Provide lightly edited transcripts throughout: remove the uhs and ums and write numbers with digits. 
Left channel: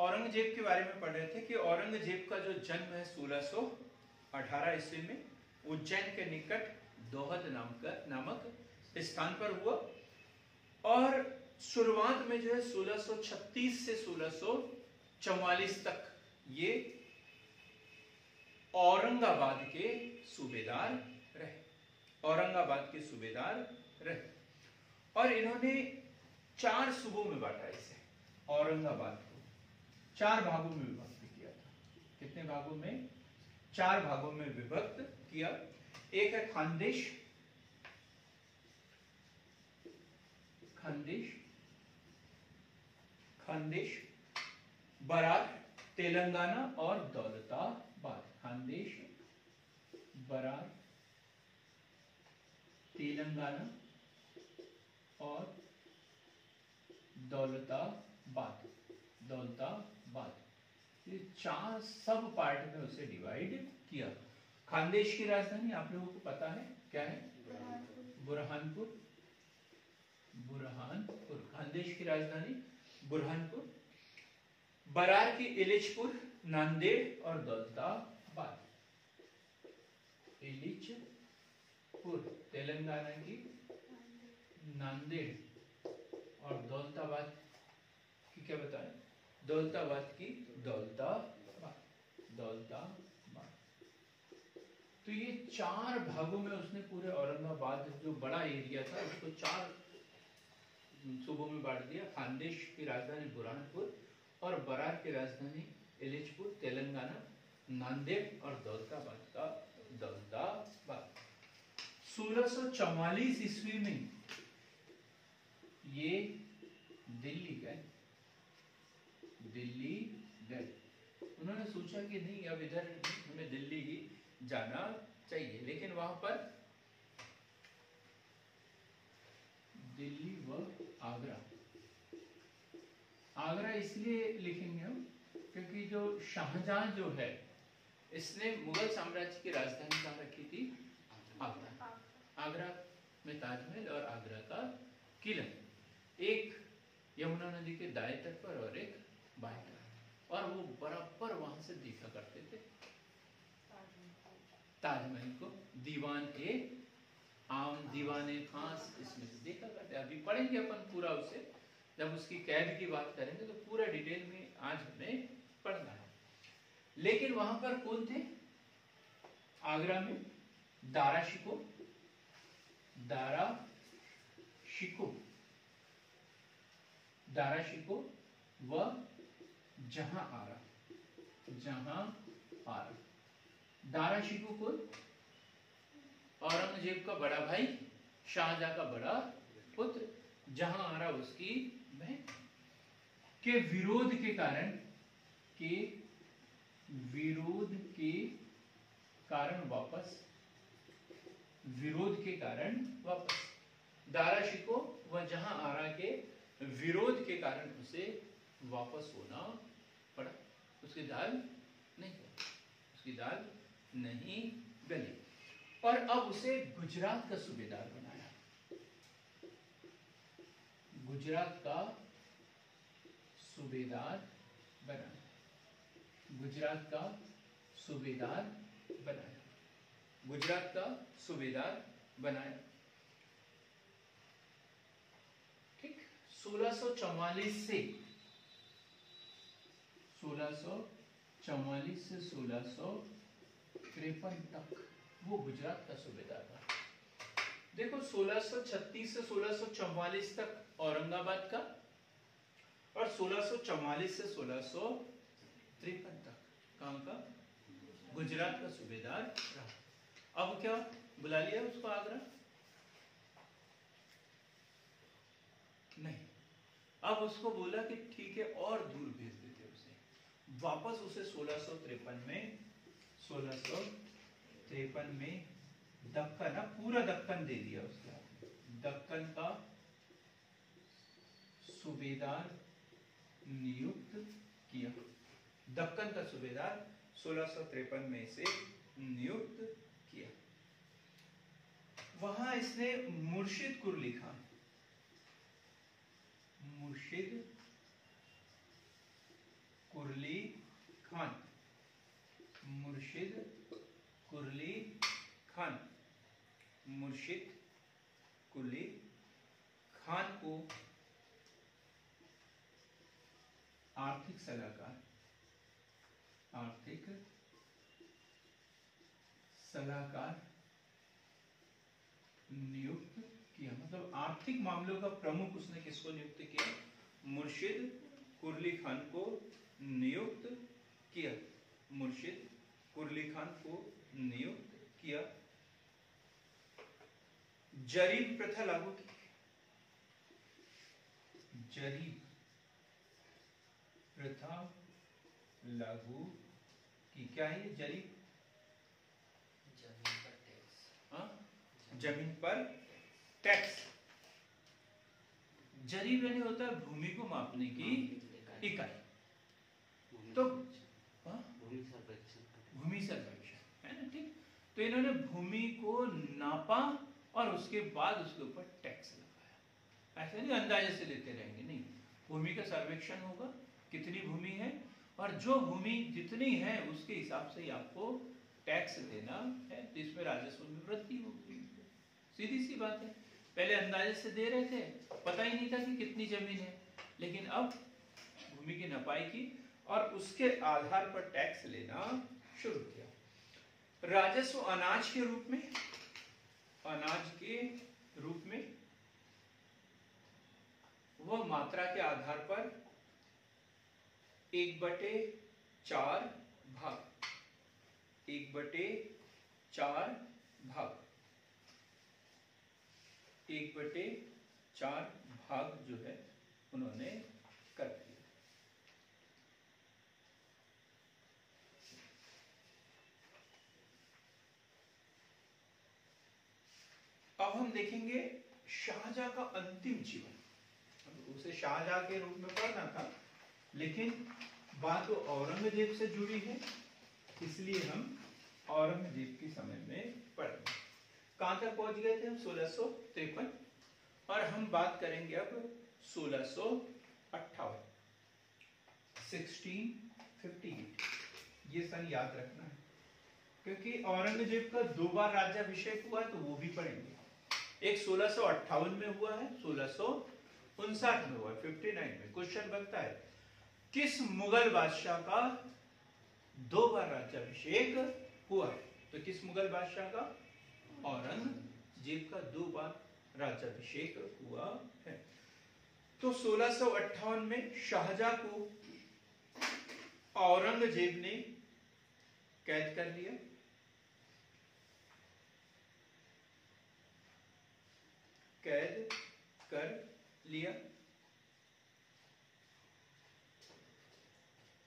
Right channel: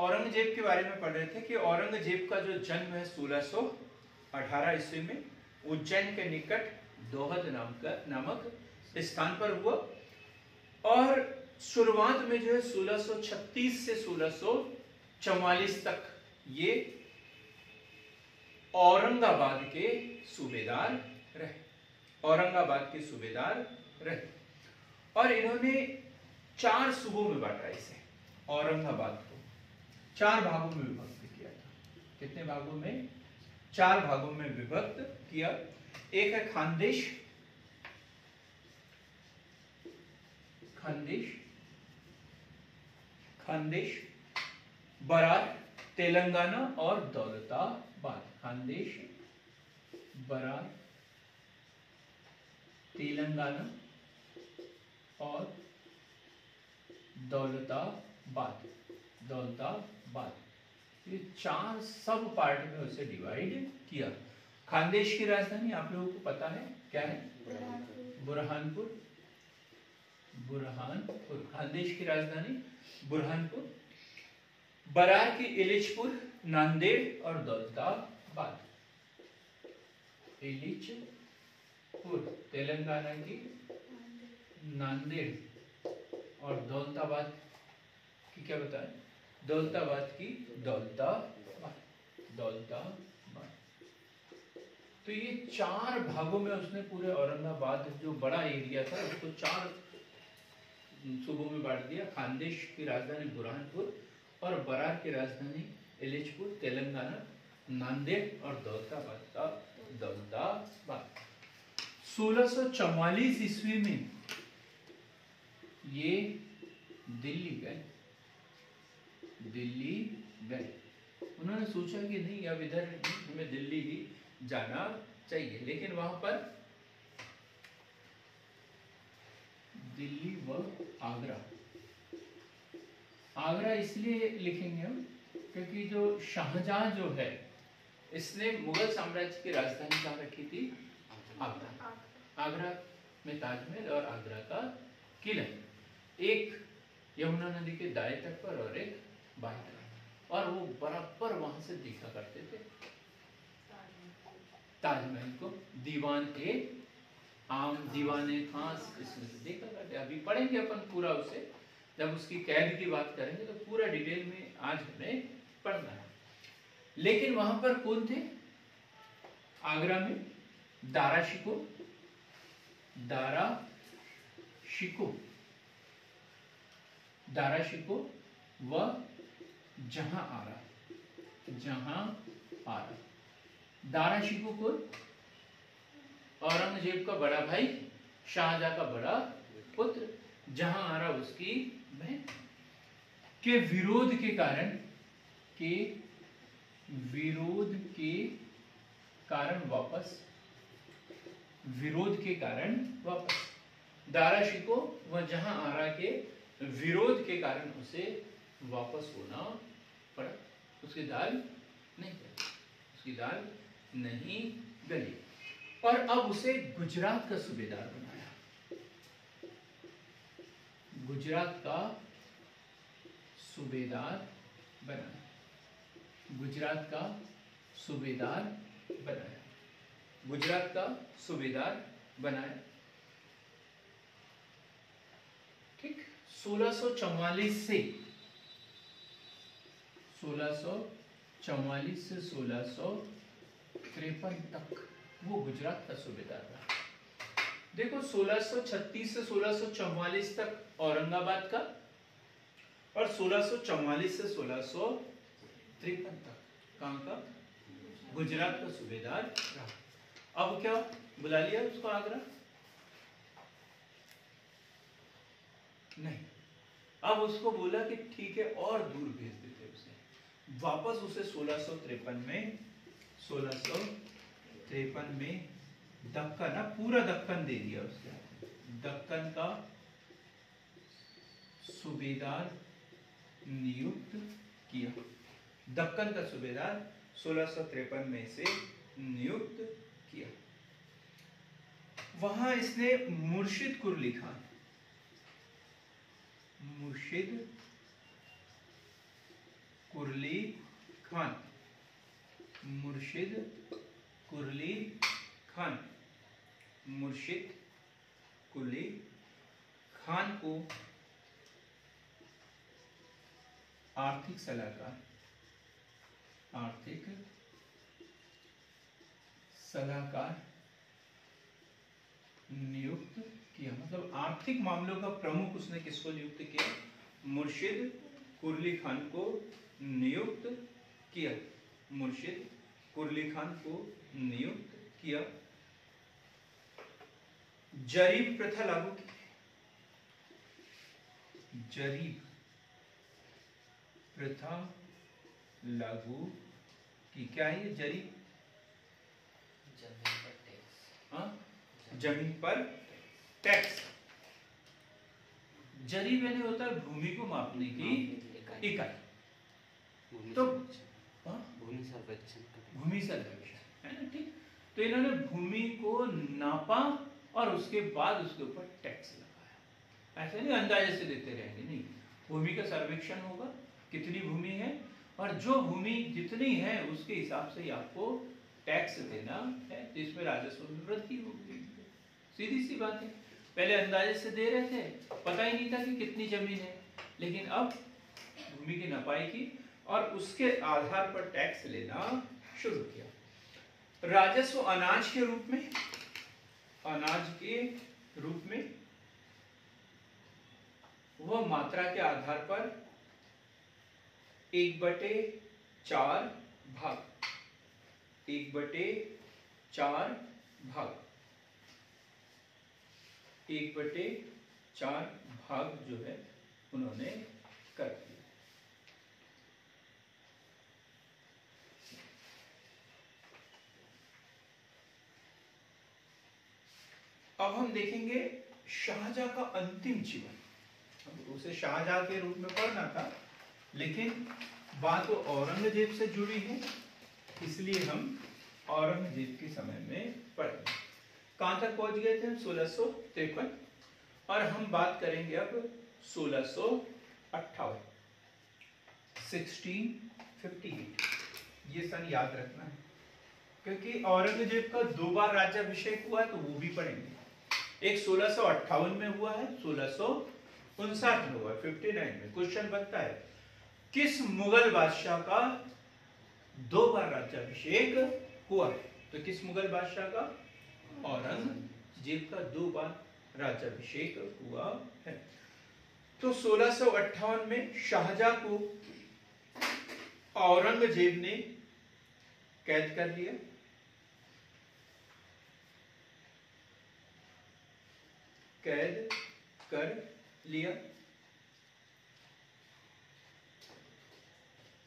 औरंगजेब के बारे में पढ़ रहे थे कि औरंगजेब का जो जन्म है 1618 ईस्वी में उज्जैन के निकट दोहद नामक स्थान पर हुआ। और शुरुआत में जो है 1636 से 1644 तक ये औरंगाबाद के सूबेदार रहे, औरंगाबाद के सूबेदार रहे। और इन्होंने 4 सूबों में बांटा इसे, औरंगाबाद को 4 भागों में विभक्त किया था। कितने भागों में? 4 भागों में विभक्त किया। एक है खानदेश, बरार, तेलंगाना और दौलताबाद। खानदेश, बरार, तेलंगाना और दौलताबाद। ये 4 सब पार्ट में उसे डिवाइड किया। खानदेश की राजधानी आप लोगों को पता है क्या है? बुरहानपुर। खानदेश की राजधानी बुरहानपुर। बरार की इलिचपुर, नांदेड़ और दौलताबाद। इलिचपुर तेलंगाना की, नांदेड़ और दौलताबाद की क्या बताएं? दौलताबाद की दौलताबाद। तो ये 4 भागों में उसने पूरे औरंगाबाद जो बड़ा एरिया था उसको 4 सूबों में बांट दिया। खानदेश की राजधानी बुरहानपुर और बरार की राजधानी इलिचपुर, तेलंगाना, नांदेड़ और दौलताबाद। 1644 ईस्वी में ये दिल्ली गए। उन्होंने सोचा कि नहीं अब इधर हमें दिल्ली ही जाना चाहिए, लेकिन वहां पर दिल्ली व आगरा इसलिए लिखेंगे हम क्योंकि जो शाहजहां जो है इसने मुगल साम्राज्य की राजधानी कहाँ रखी थी? आगरा में ताजमहल और आगरा का किला, एक यमुना नदी के दाएं तट पर और एक बाएं तट, और वो बराबर वहां से देखा करते थे ताजमहल को। दीवाने खास इसमें से देखा करते। अभी पढ़ेंगे अपन पूरा उसे, जब उसकी कैद की बात करेंगे तो पूरा डिटेल में आज हमें पढ़ना है। लेकिन वहां पर कौन थे? आगरा में दारा शिको व जहां आरा। दारा शिको को औरंगजेब का बड़ा भाई, शाहजहां का बड़ा पुत्र, जहां आरा उसकी बहन के विरोध के कारण वापस दारा शिको व जहां आरा के विरोध के कारण उसे वापस होना पड़ा। उसकी दाल नहीं गली और अब उसे गुजरात का सूबेदार बनाया। गुजरात का सूबेदार बनाया। ठीक। 1644 से 1653 तक वो गुजरात का सूबेदार रहा। देखो 1636 से 1644 तक औरंगाबाद का और 1644 से 1653 तक कहां का? गुजरात का सूबेदार रहा। अब क्या बुला लिया उसको आगरा? नहीं, अब उसको बोला कि ठीक है और दूर भेज देते उसे वापस। उसे 1653 में दक्कन, पूरा दक्कन दे दिया उसके। दक्कन का सूबेदार नियुक्त किया। दक्कन का सूबेदार 1653 में से नियुक्त किया। वहां इसने मुर्शिदकुर लिखा। मुर्शिद कुरली खान, मुर्शिद कुरली खान को आर्थिक सलाहकार नियुक्त किया। मतलब आर्थिक मामलों का प्रमुख उसने किसको नियुक्त किया? मुर्शिद कुरली खान को नियुक्त किया, मुर्शिद कुरली खान को नियुक्त किया। जरीब प्रथा लागू की, जरीब प्रथा लागू की। क्या है ये जरीब? जमीन पर टैक्स। हाँ, जमीन पर टैक्स। जरीब यानी होता है भूमि को मापने की इकाई। तो भूमि सर्वेक्षण है ना, ठीक। तो इन्होंने भूमि को नापा और उसके बाद उसके ऊपर टैक्स लगाया। ऐसा नहीं अंदाजे से देते रहेंगे, नहीं। भूमि का सर्वेक्षण होगा, कितनी भूमि है, और जो भूमि जितनी है उसके हिसाब से ही आपको टैक्स देना है, जिसमें राजस्व में वृद्धि होगी। सीधी सी बात है। पहले अंदाजे से दे रहे थे, पता ही नहीं था कि कितनी जमीन है, लेकिन अब भूमि की नपाई की और उसके आधार पर टैक्स लेना शुरू किया। राजस्व अनाज के रूप में, अनाज के रूप में वह मात्रा के आधार पर 1/4 भाग, 1/4 भाग, 1/4 भाग जो है उन्होंने कर दिया। अब हम देखेंगे शाहजहां का अंतिम जीवन। उसे शाहजहां के रूप में पढ़ना था, लेकिन बात तो औरंगजेब से जुड़ी है, इसलिए हम औरंगजेब के समय में पढ़ेंगे। कहां तक पहुंच गए थे हम? 1653। और हम बात करेंगे अब 1658, 1658। ये सन याद रखना है, क्योंकि औरंगजेब का 2 बार राज्याभिषेक हुआ है, तो वो भी पढ़ेंगे। एक 1658 में हुआ है, 1659 में हुआ है, 59 में। क्वेश्चन बनता है किस मुगल बादशाह का 2 बार राज्याभिषेक हुआ है? तो किस मुगल बादशाह का? औरंगजेब का 2 बार राज्याभिषेक हुआ है। तो 1658 में शाहजहां को औरंगजेब ने कैद कर लिया। कैद कर लिया।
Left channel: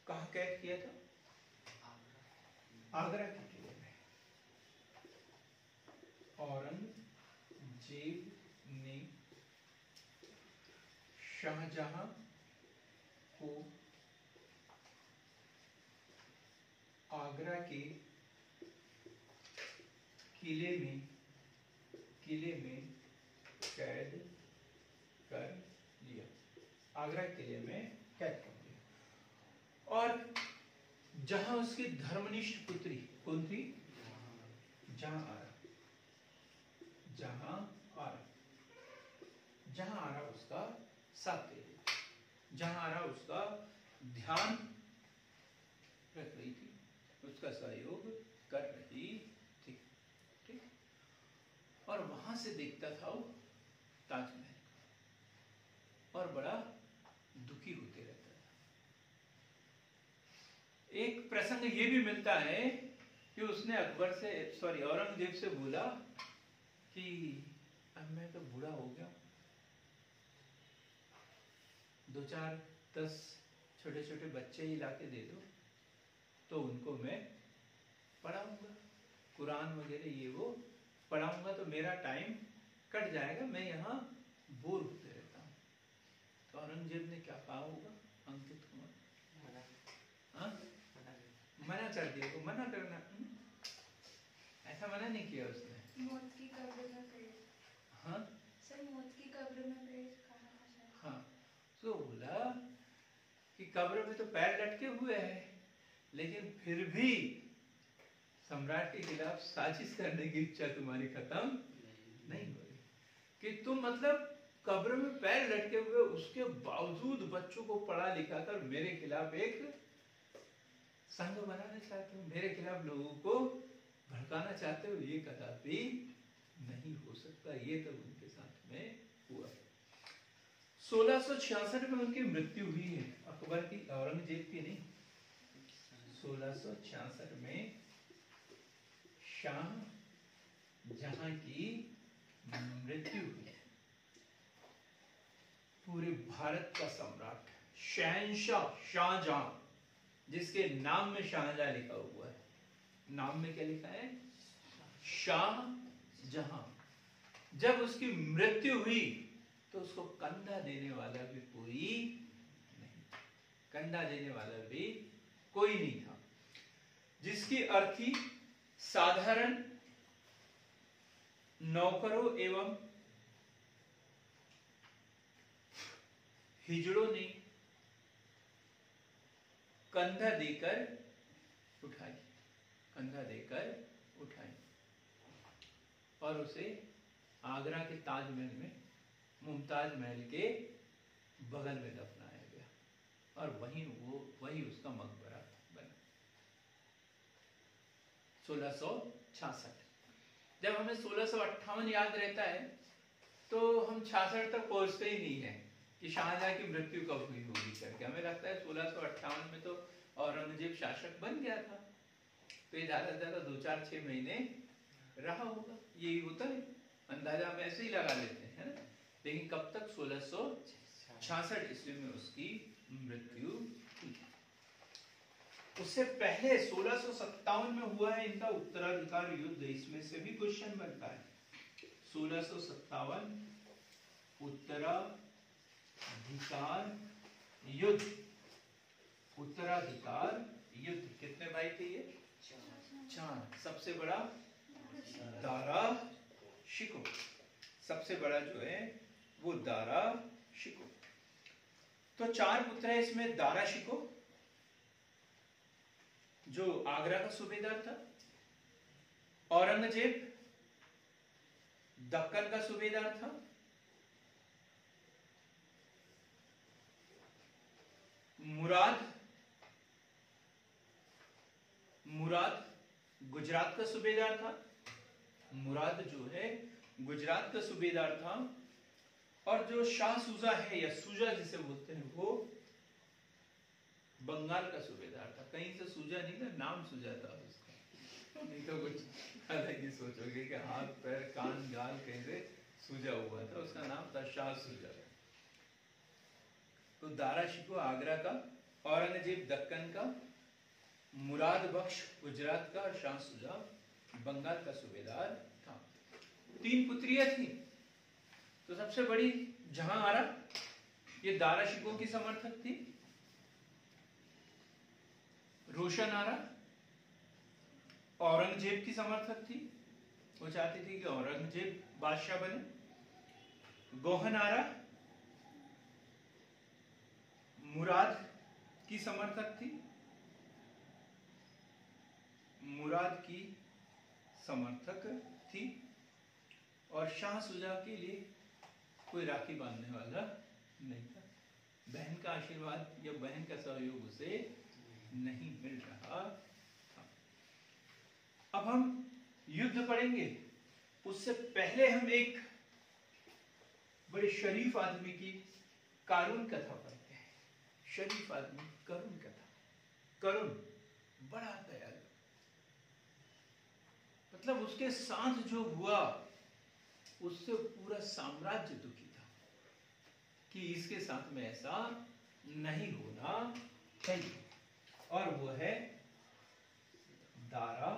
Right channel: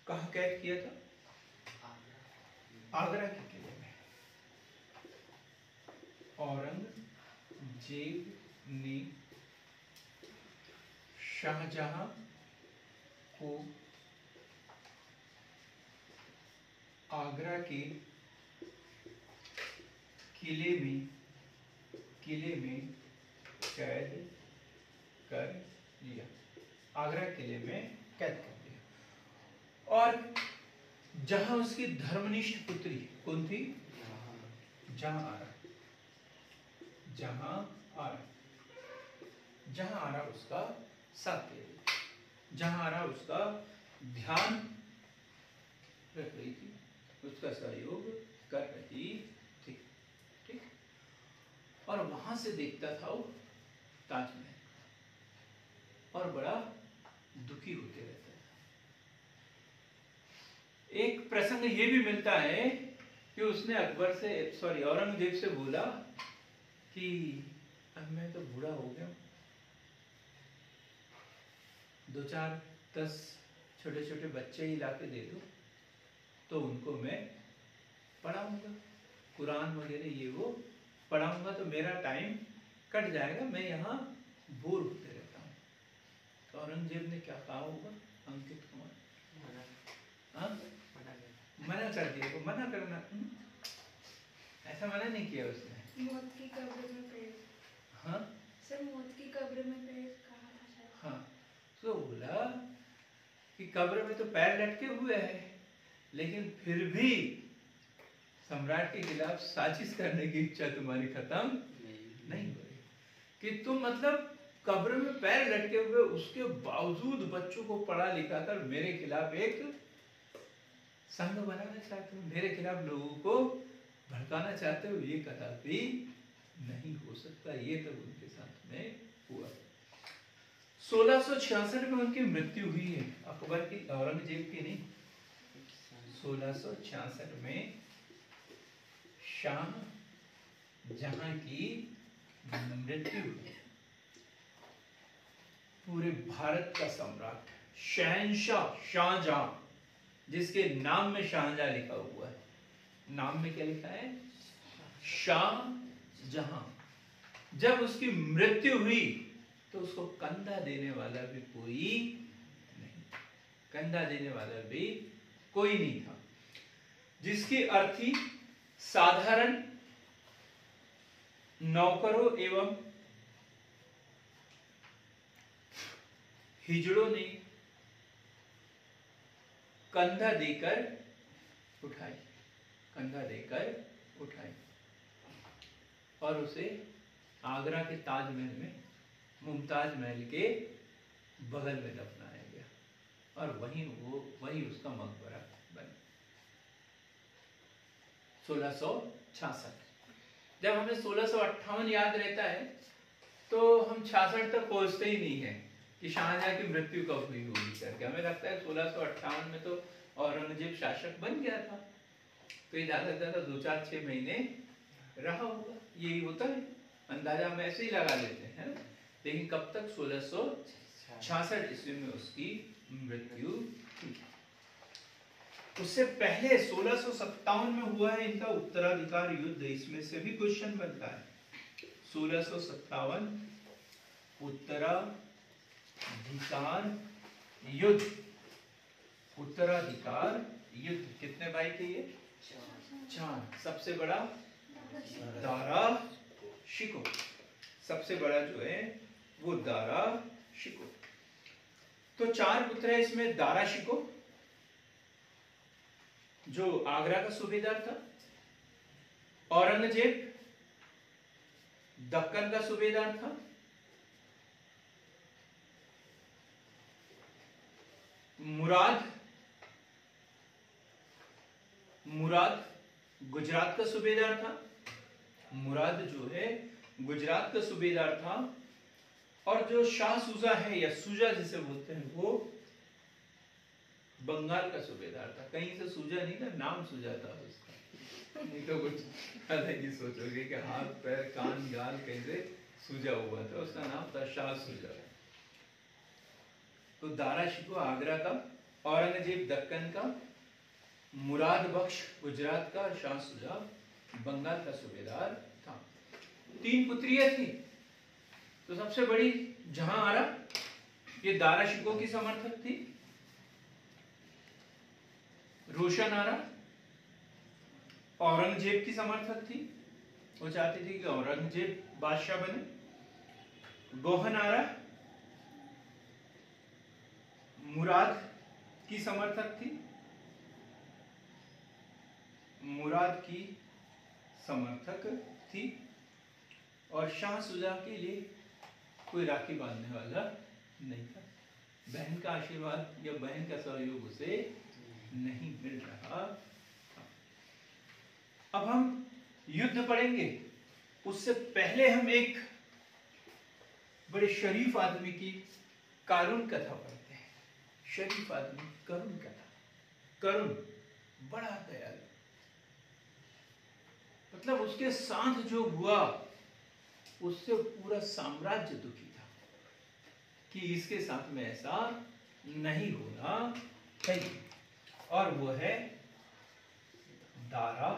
कहाँ कैद किया था? आगरा के किले में। औरंगजेब ने शाहजहां को आगरा के किले में कैद कर लिया। आगरा किले में कैद कर लिया। और जहां उसकी धर्मनिष्ठ पुत्री कौन थी? जहां आरा उसका साथ दे रही, जहां आरा उसका ध्यान रख रही थी, उसका सहयोग कर रही थी, ठीक। और वहां से देखता था वो ताजमहल और बड़ा दुखी होते रहता था। एक प्रसंग ये भी मिलता है कि उसने औरंगजेब से बोला कि अब मैं तो बूढ़ा हो गया, 2-4-10 छोटे छोटे बच्चे ही लाके दे दो, तो उनको मैं पढ़ाऊंगा, कुरान वगैरह ये वो पढ़ाऊंगा, तो मेरा टाइम कट जाएगा, मैं यहाँ बोर होते रहता हूँ। तो औरंगजेब ने क्या कहा होगा? अंकित कुमार मना कर दिया। तो मना करना, ऐसा मना नहीं किया उसने। मौत की कब्र में पेड़। हाँ सर, मौत की कब्र में पेड़ कहा था शायद। हाँ, तो बोला कि कब्र में तो पैर लटके हुए हैं, लेकिन फिर भी सम्राट के खिलाफ साजिश करने की इच्छा तुम्हारी खत्म नहीं हो रही कि तुम मतलब कब्र में पैर लटके हुए उसके बावजूद बच्चों को पढ़ा लिखा कर मेरे खिलाफ एक संघ बनाना चाहते हो, मेरे खिलाफ लोगों को भड़काना चाहते हो। ये कदापि नहीं हो सकता। ये तो उनके साथ में हुआ। 1666 में उनकी मृत्यु हुई है, अकबर की, औरंगजेब की नहीं। 1666 में शाह जहां की मृत्यु हुई। पूरे भारत का सम्राट, शहंशाह, शाहजहां, जिसके नाम में शाहजहां लिखा हुआ है। नाम में क्या लिखा है? शाहजहां। जब उसकी मृत्यु हुई तो उसको कंधा देने वाला भी कोई नहीं, कंधा देने वाला भी कोई नहीं था। जिसकी अर्थी साधारण नौकरों एवं हिजड़ों ने कंधा देकर उठाई, कंधा देकर उठाई और उसे आगरा के ताजमहल में, मुमताज महल के बगल में दफनाया गया और वहीं उसका मकबरा बना। 1666। जब हमें 1658 याद रहता है तो हम 66 तक पहुंचते ही नहीं है कि शाहजहां की मृत्यु कब हुई होगी करके। हमें लगता है 1658 में तो औरंगजेब शासक बन गया था, तो ये ज्यादा 2-4-6 महीने रहा होगा। यही होता है, अंदाजा हम ऐसे ही लगा लेते हैं ना। लेकिन कब तक? 1666 ईस्वी में उसकी मृत्यु हुई। उससे पहले 1657 में हुआ है इनका उत्तराधिकार युद्ध। इसमें से भी क्वेश्चन बनता है। 1657 उत्तराधिकार युद्ध। उत्तराधिकार युद्ध कितने भाई थे ये? 4। सबसे बड़ा दारा शिकोह, सबसे बड़ा जो है वो दारा शिकोह। तो 4 पुत्र है इसमें। दारा शिकोह जो आगरा का सूबेदार था, औरंगजेब दक्कन का सूबेदार था, मुराद गुजरात का सूबेदार था। मुराद जो है गुजरात का सूबेदार था। और जो शाह सुजा है या सुजा जिसे बोलते हैं वो बंगाल का सूबेदार था। कहीं से सुजा नहीं था, नाम सुजा था उसका। नहीं तो कुछ अलग ही सोचोगे कि हाथ पैर कान गाल कैसे सुजा हुआ था, उसका नाम था शाह सुजा। तो दारा शिकोह आगरा का, औरंगजेब दक्कन का, मुराद बख्श गुजरात का और शाह सुजा बंगाल का सूबेदार था। 3 पुत्रियां थी। तो सबसे बड़ी जहां आरा, ये दारा शिकोह की समर्थक थी। रोशन आरा औरंगजेब की समर्थक थी, वो चाहती थी कि औरंगजेब बादशाह बने। गोहन आरा मुराद की समर्थक थी, मुराद की समर्थक थी। और शाह सुजा के लिए कोई राखी बांधने वाला नहीं था। बहन का आशीर्वाद या बहन का सहयोग उसे नहीं मिल रहा। अब हम युद्ध पढ़ेंगे, उससे पहले हम एक बड़े शरीफ आदमी की करुण कथा पढ़ते हैं। शरीफ आदमी, करुण कथा। करुण, बड़ा दयालु, मतलब उसके साथ जो हुआ उससे पूरा साम्राज्य दुखी था कि इसके साथ में ऐसा नहीं होना चाहिए। और वो है दारा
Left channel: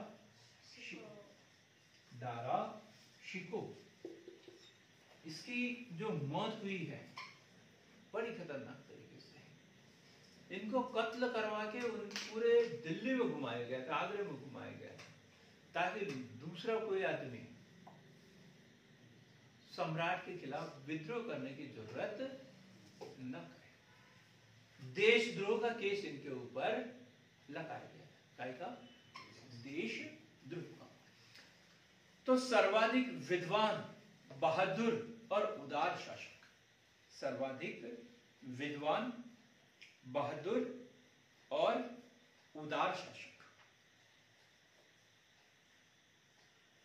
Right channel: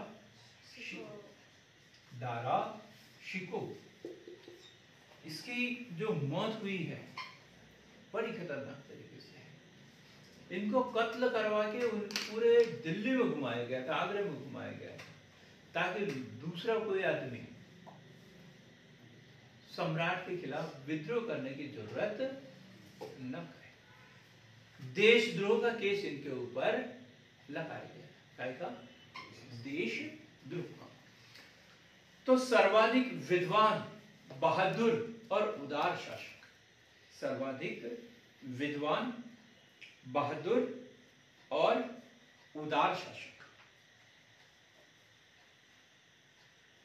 शिकोह। दारा शिकोह, इसकी जो मौत हुई है बड़ी खतरनाक तरीके से। इनको कत्ल करवा के पूरे दिल्ली में घुमाया गया था, आगरे में घुमाया गया था, ताकि दूसरा कोई आदमी सम्राट के खिलाफ विद्रोह करने की जरूरत न करे। देशद्रोह का केस इनके ऊपर लगाया गया। क्या का? देशद्रोह ध्रुव। तो सर्वाधिक विद्वान, बहादुर और उदार शासक, सर्वाधिक विद्वान, बहादुर और उदार शासक,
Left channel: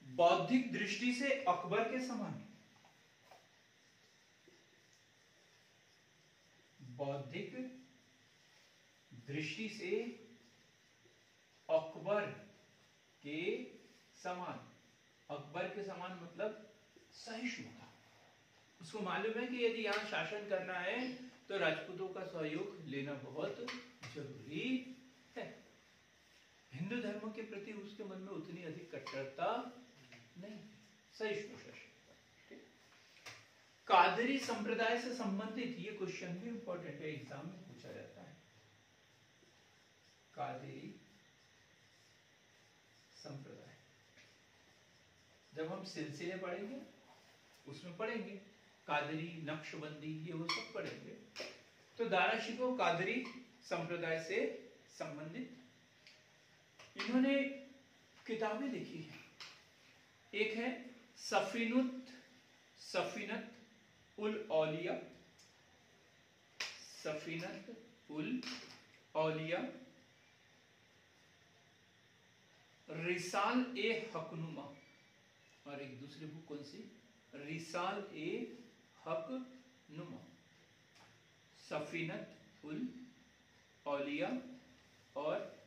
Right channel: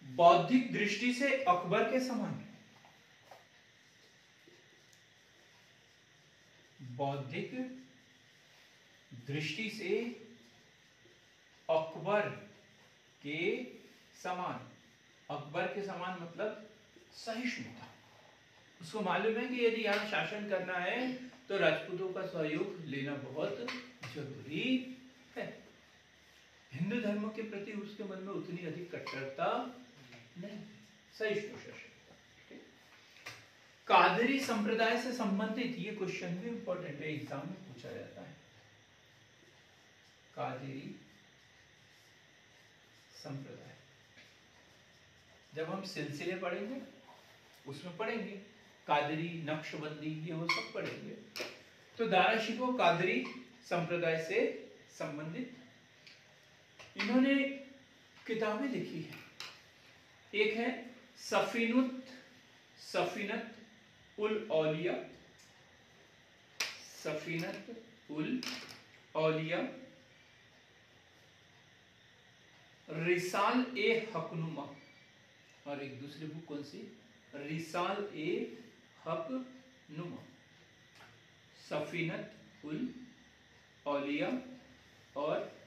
बौद्धिक दृष्टि से अकबर के समान, बौद्धिक दृष्टि से अकबर के समान, अकबर के समान मतलब सहिष्णुता। उसको मालूम है कि यदि यहाँ शासन करना है तो राजपूतों का सहयोग लेना बहुत जरूरी है। हिंदू धर्म के प्रति उसके मन में उतनी अधिक कट्टरता नहीं, सहिष्णु शासन। कादरी संप्रदाय से संबंधित ये क्वेश्चन भी इंपॉर्टेंट है, एग्जाम में पूछा जाता है। कादरी संप्रदाय, जब हम सिलसिले पढ़ेंगे उसमें पढ़ेंगे, कादरी, नक्शबंदी, ये वो सब पढ़ेंगे। तो दारा शिकोह कादरी संप्रदाय से संबंधित इन्होंने किताबें लिखी है। एक है सफीनत उल औलिया, सफीनत उल औलिया, रिसाल ए हकनुमा, और एक दूसरी बुक कौन सी, रिसाल ए हकनुमा, सफीनत उल औलिया और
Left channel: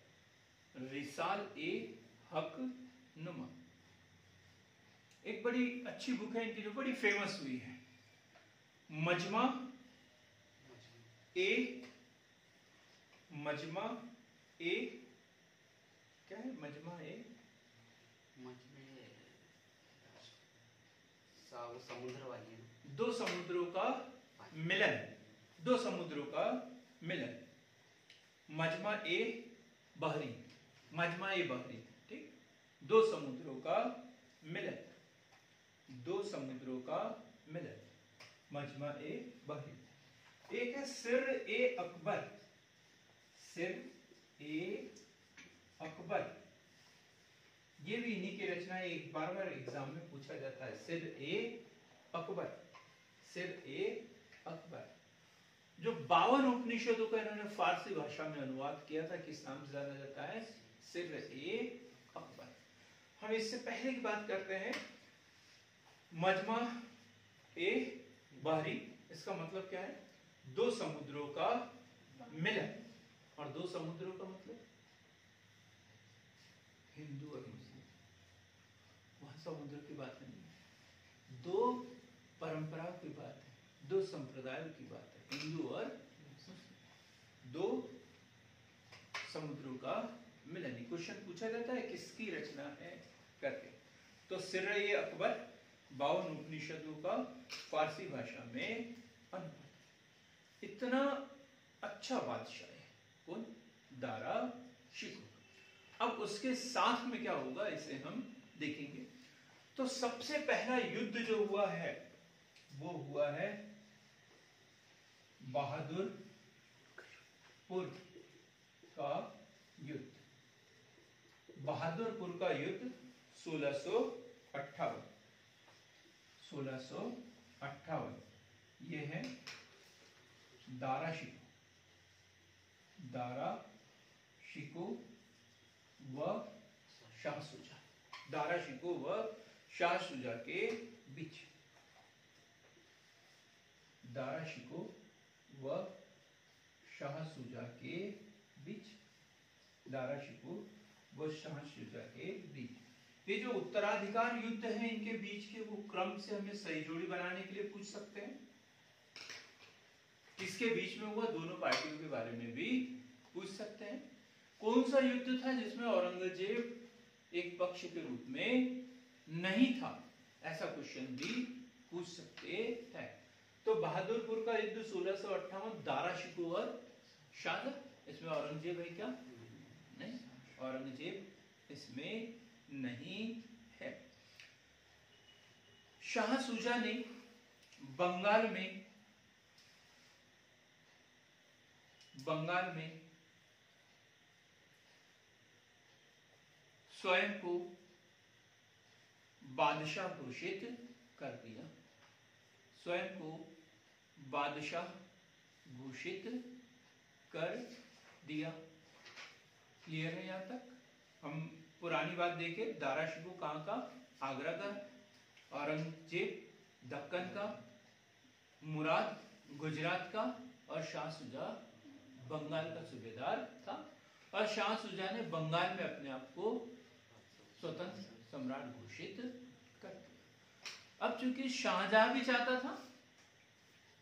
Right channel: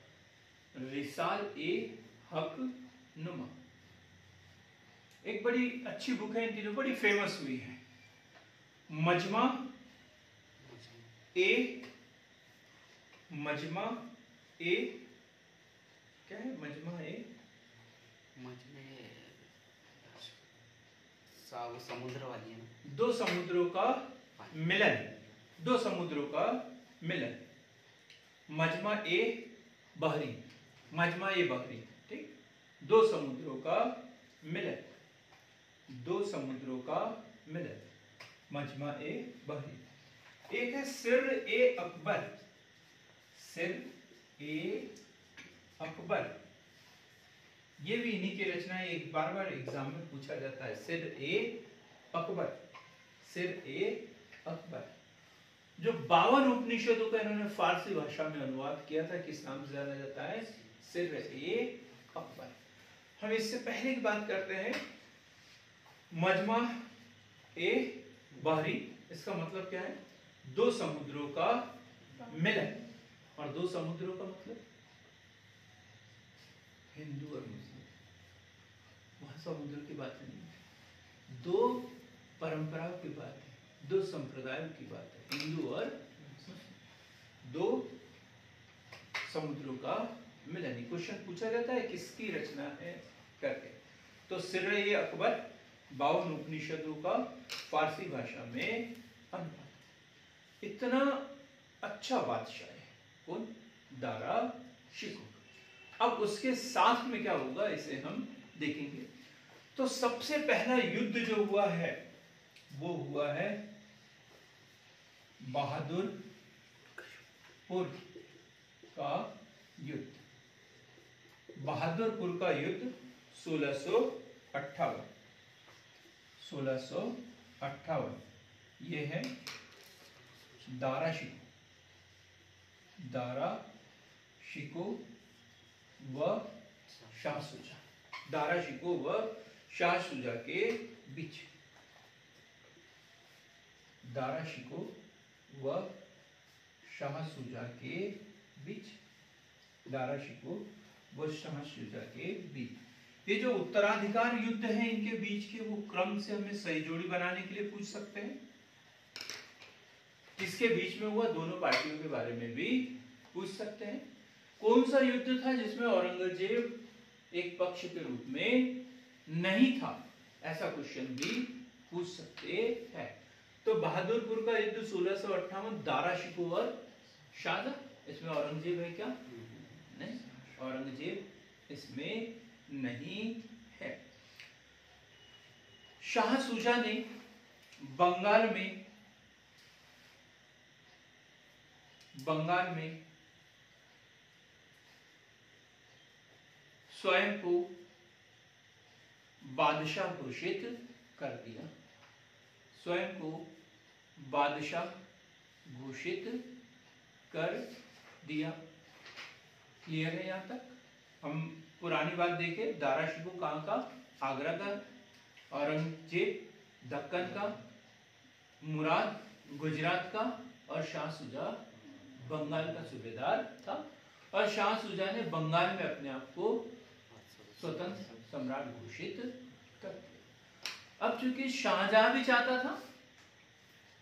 रिसाल ए हकनुमा। एक बड़ी अच्छी बुक है इनकी जो बड़ी फेमस हुई है। मजमा ए क्या है, मजमा ए समुद्र वाली है, दो समुद्रों का मिलन, दो समुद्रों का मिलन, मजमा ए बहरी, मजमा ए बहरी, ठीक, दो समुद्रों का मिलन, दो समुद्रों का मिलन, मजमा ए बहरी। एक है सिर ए अकबर, सिर ए अकबर, ये भी इन्हीं की रचना है, एक बार बार एग्जाम में पूछा जाता है। सिर ए अकबर, सिर ए अकबर, जो 52 उपनिषदों का इन्होंने फारसी भाषा में अनुवाद किया था, किस नाम से जाना जाता है, सिर ए अकबर। हम इससे पहले की बात करते हैं, मजमा ए बहरी, इसका मतलब क्या है, दो समुद्रों का मिलन, और दो समुद्रों का मतलब हिंदू और मुस्लिम, वहां समुद्र की बात नहीं है, दो परंपराओं की बात है, दो संप्रदायों की बात है, हिंदू और मुस्लिम, दो समुद्रों का मिलन। क्वेश्चन पूछा जाता है किसकी रचना है करके। तो सिर ए अकबर 52 उपनिषदों का फारसी भाषा में अनुवाद। इतना अच्छा बादशाह है कौन, दारा शिकोह। अब उसके साथ में क्या होगा इसे हम देखेंगे। तो सबसे पहला युद्ध जो हुआ है वो हुआ है बहादुरपुर का युद्ध, बहादुरपुर का युद्ध 1658। ये है दारा शिकोह व शाह सुजा, दारा शिकोह व शाह सुजा के बीच, दारा शिकोह व शाह सुजा के बीच, दारा शिकोह व शाह सुजा के बीच। ये जो उत्तराधिकार युद्ध है इनके बीच के, वो क्रम से हमें सही जोड़ी बनाने के लिए पूछ सकते हैं। किसके बीच में हुआ, दोनों पार्टियों के बारे में भी पूछ सकते हैं। कौन सा युद्ध था जिसमें औरंगजेब एक पक्ष के रूप में नहीं था, ऐसा क्वेश्चन भी पूछ सकते हैं। तो बहादुरपुर का युद्ध 1658, दारा शिकोह और शाह, इसमें औरंगजेब है क्या, नहीं, औरंगजेब इसमें नहीं है। शाह सुजा ने बंगाल में स्वयं को बादशाह घोषित कर दिया, स्वयं को बादशाह घोषित कर दिया। क्लियर है? यहाँ तक हम पुरानी बात देखें, दारा शिकोह कहाँ का? आगरा का, औरंगजेब दक्कन का, मुराद गुजरात का और शाह सुजा बंगाल का सूबेदार था। और शाह सुजा ने बंगाल में अपने आप को स्वतंत्र सम्राट घोषित कर दिया। अब चूंकि शाहजहां भी चाहता था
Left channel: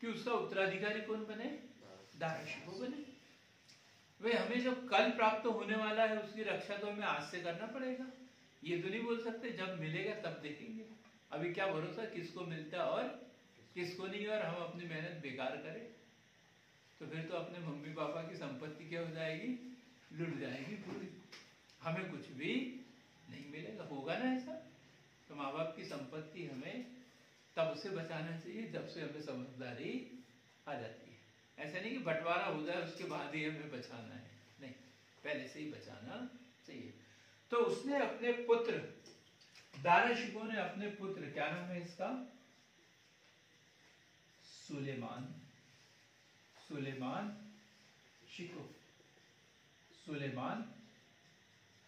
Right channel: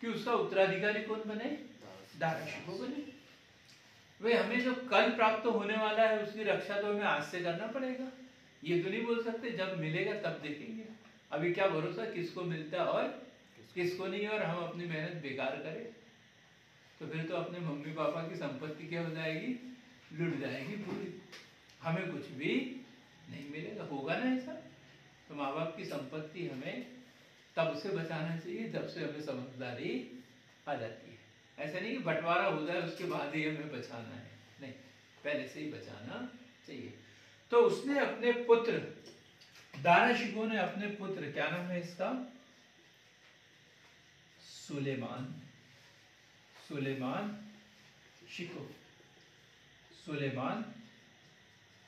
कि उसका उत्तराधिकारी कौन बने? दारा शिकोह बने। वे हमें जो कल प्राप्त होने वाला है उसकी रक्षा तो हमें आज से करना पड़ेगा। ये तो नहीं बोल सकते जब मिलेगा तब देखेंगे। अभी क्या भरोसा किसको मिलता है और किसको नहीं, और हम अपनी मेहनत बेकार करें तो फिर तो अपने मम्मी पापा की संपत्ति क्या हो जाएगी? लुट जाएगी पूरी, हमें कुछ भी नहीं मिलेगा। होगा ना ऐसा? तो माँ बाप की संपत्ति हमें तब से बचाना चाहिए जब से हमें समझदारी आ जाती है। ऐसा नहीं कि बंटवारा हो जाए उसके बाद ही हमें बचाना है, नहीं, पहले से ही बचाना चाहिए। तो उसने अपने पुत्र, दारा शिकोह ने अपने पुत्र, क्या नाम है इसका? सुलेमान, सुलेमान शिकोह, सुलेमान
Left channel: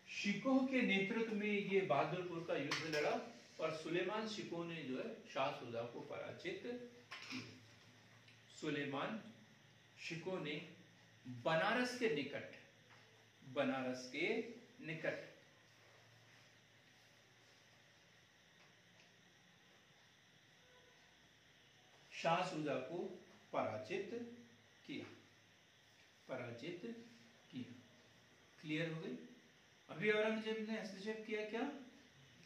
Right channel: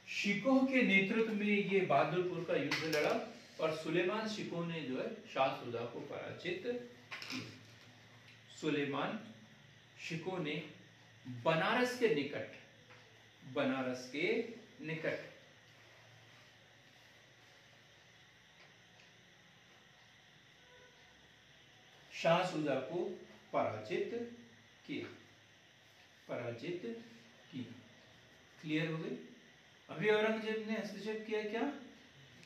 शिकोह के नेतृत्व में ये बहादुरपुर का युद्ध लड़ा और सुलेमान शिकोह ने जो है शाह सुजा को पराजित किया। सुलेमान शिकोह ने बनारस के निकट, बनारस के निकट शाह सुजा को पराजित किया, पराजित किया। क्लियर हो गई? अभी औरंगजेब ने हस्तक्षेप किया क्या?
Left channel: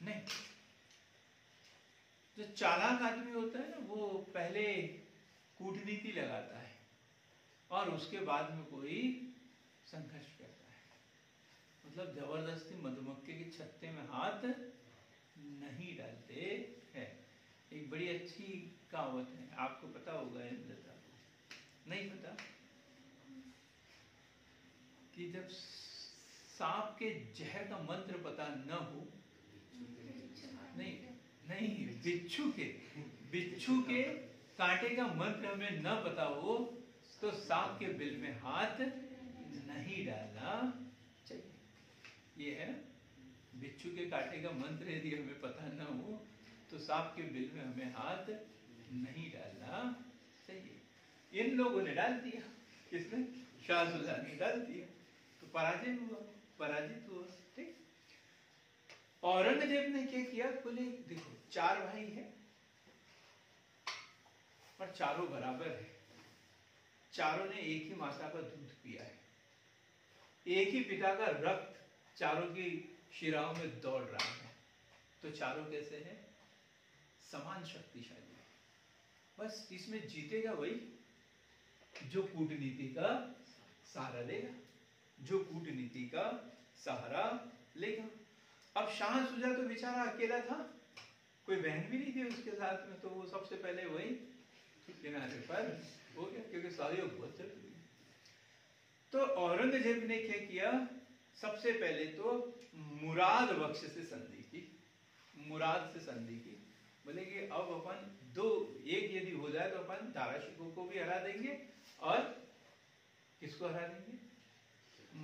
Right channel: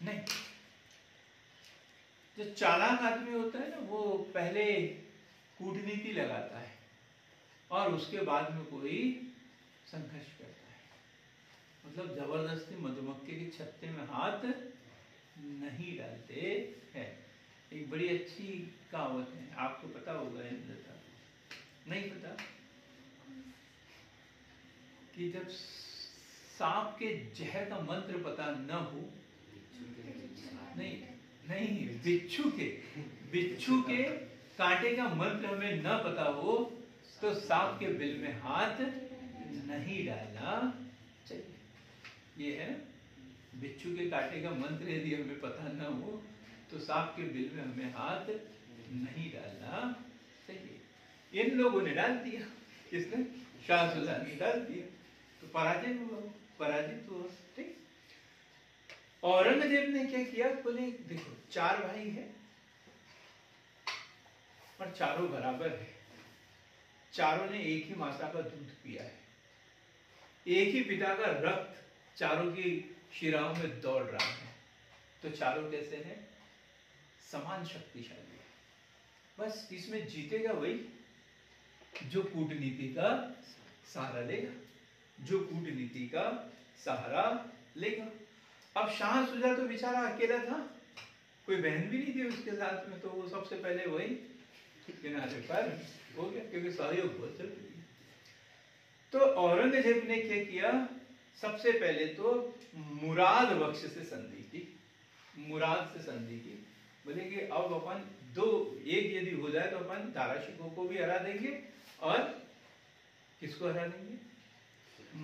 नहीं। जो चालाक आदमी होता है ना वो पहले कूटनीति लगाता है और उसके बाद में कोई संघर्ष करता है। मतलब जबरदस्ती मधुमक्खी के छत्ते में हाथ नहीं डालते हैं। एक बड़ी अच्छी कहावत है, आपको पता होगा या नहीं पता, कि जब सांप के जहर का मंत्र पता न हो, नहीं नहीं, बिच्छू के कांटे का मंत्र हमें न पता हो तो सांप के बिल में हाथ नहीं डालना चाहिए। ये है ना, बिच्छू के कांटे का मंत्र यदि हमें पता न हो तो सांप के बिल में हमें हाथ नहीं डालना चाहिए। इन लोगों ने डाल दिया। किसने? शाह सुजा ने डाल दिया, तो पराजित हुआ, पराजित हुआ। ठीक। औरंगजेब ने क्या किया? बोले देखो, चार भाई हैं और चारों बराबर है, चारों ने एक ही माता का दूध पिया है, एक ही पिता का रक्त चारों की शिराओं में दौड़ रहा है, तो चारों कैसे हैं? समान शक्तिशाली है। बस इसमें जीतेगा वही जो कूटनीति का सहारा लेगा, जो कूटनीति का सहारा लेगा। अब शाह सुजा तो बेचारा अकेला था, कोई बहन भी नहीं थी उसके साथ में, तो वो सबसे पहले वही किनारे पर हो गया, क्योंकि सहयोग बहुत जरूरी है। तो औरंगजेब ने क्या किया? सबसे पहले तो मुराद बख्श से संधि की, मुराद से संधि की। बोले कि अब अपन दो एक यदि हो जाए तो अपन दारा शिकोह को भी हरा देंगे और किसको हरा देंगे?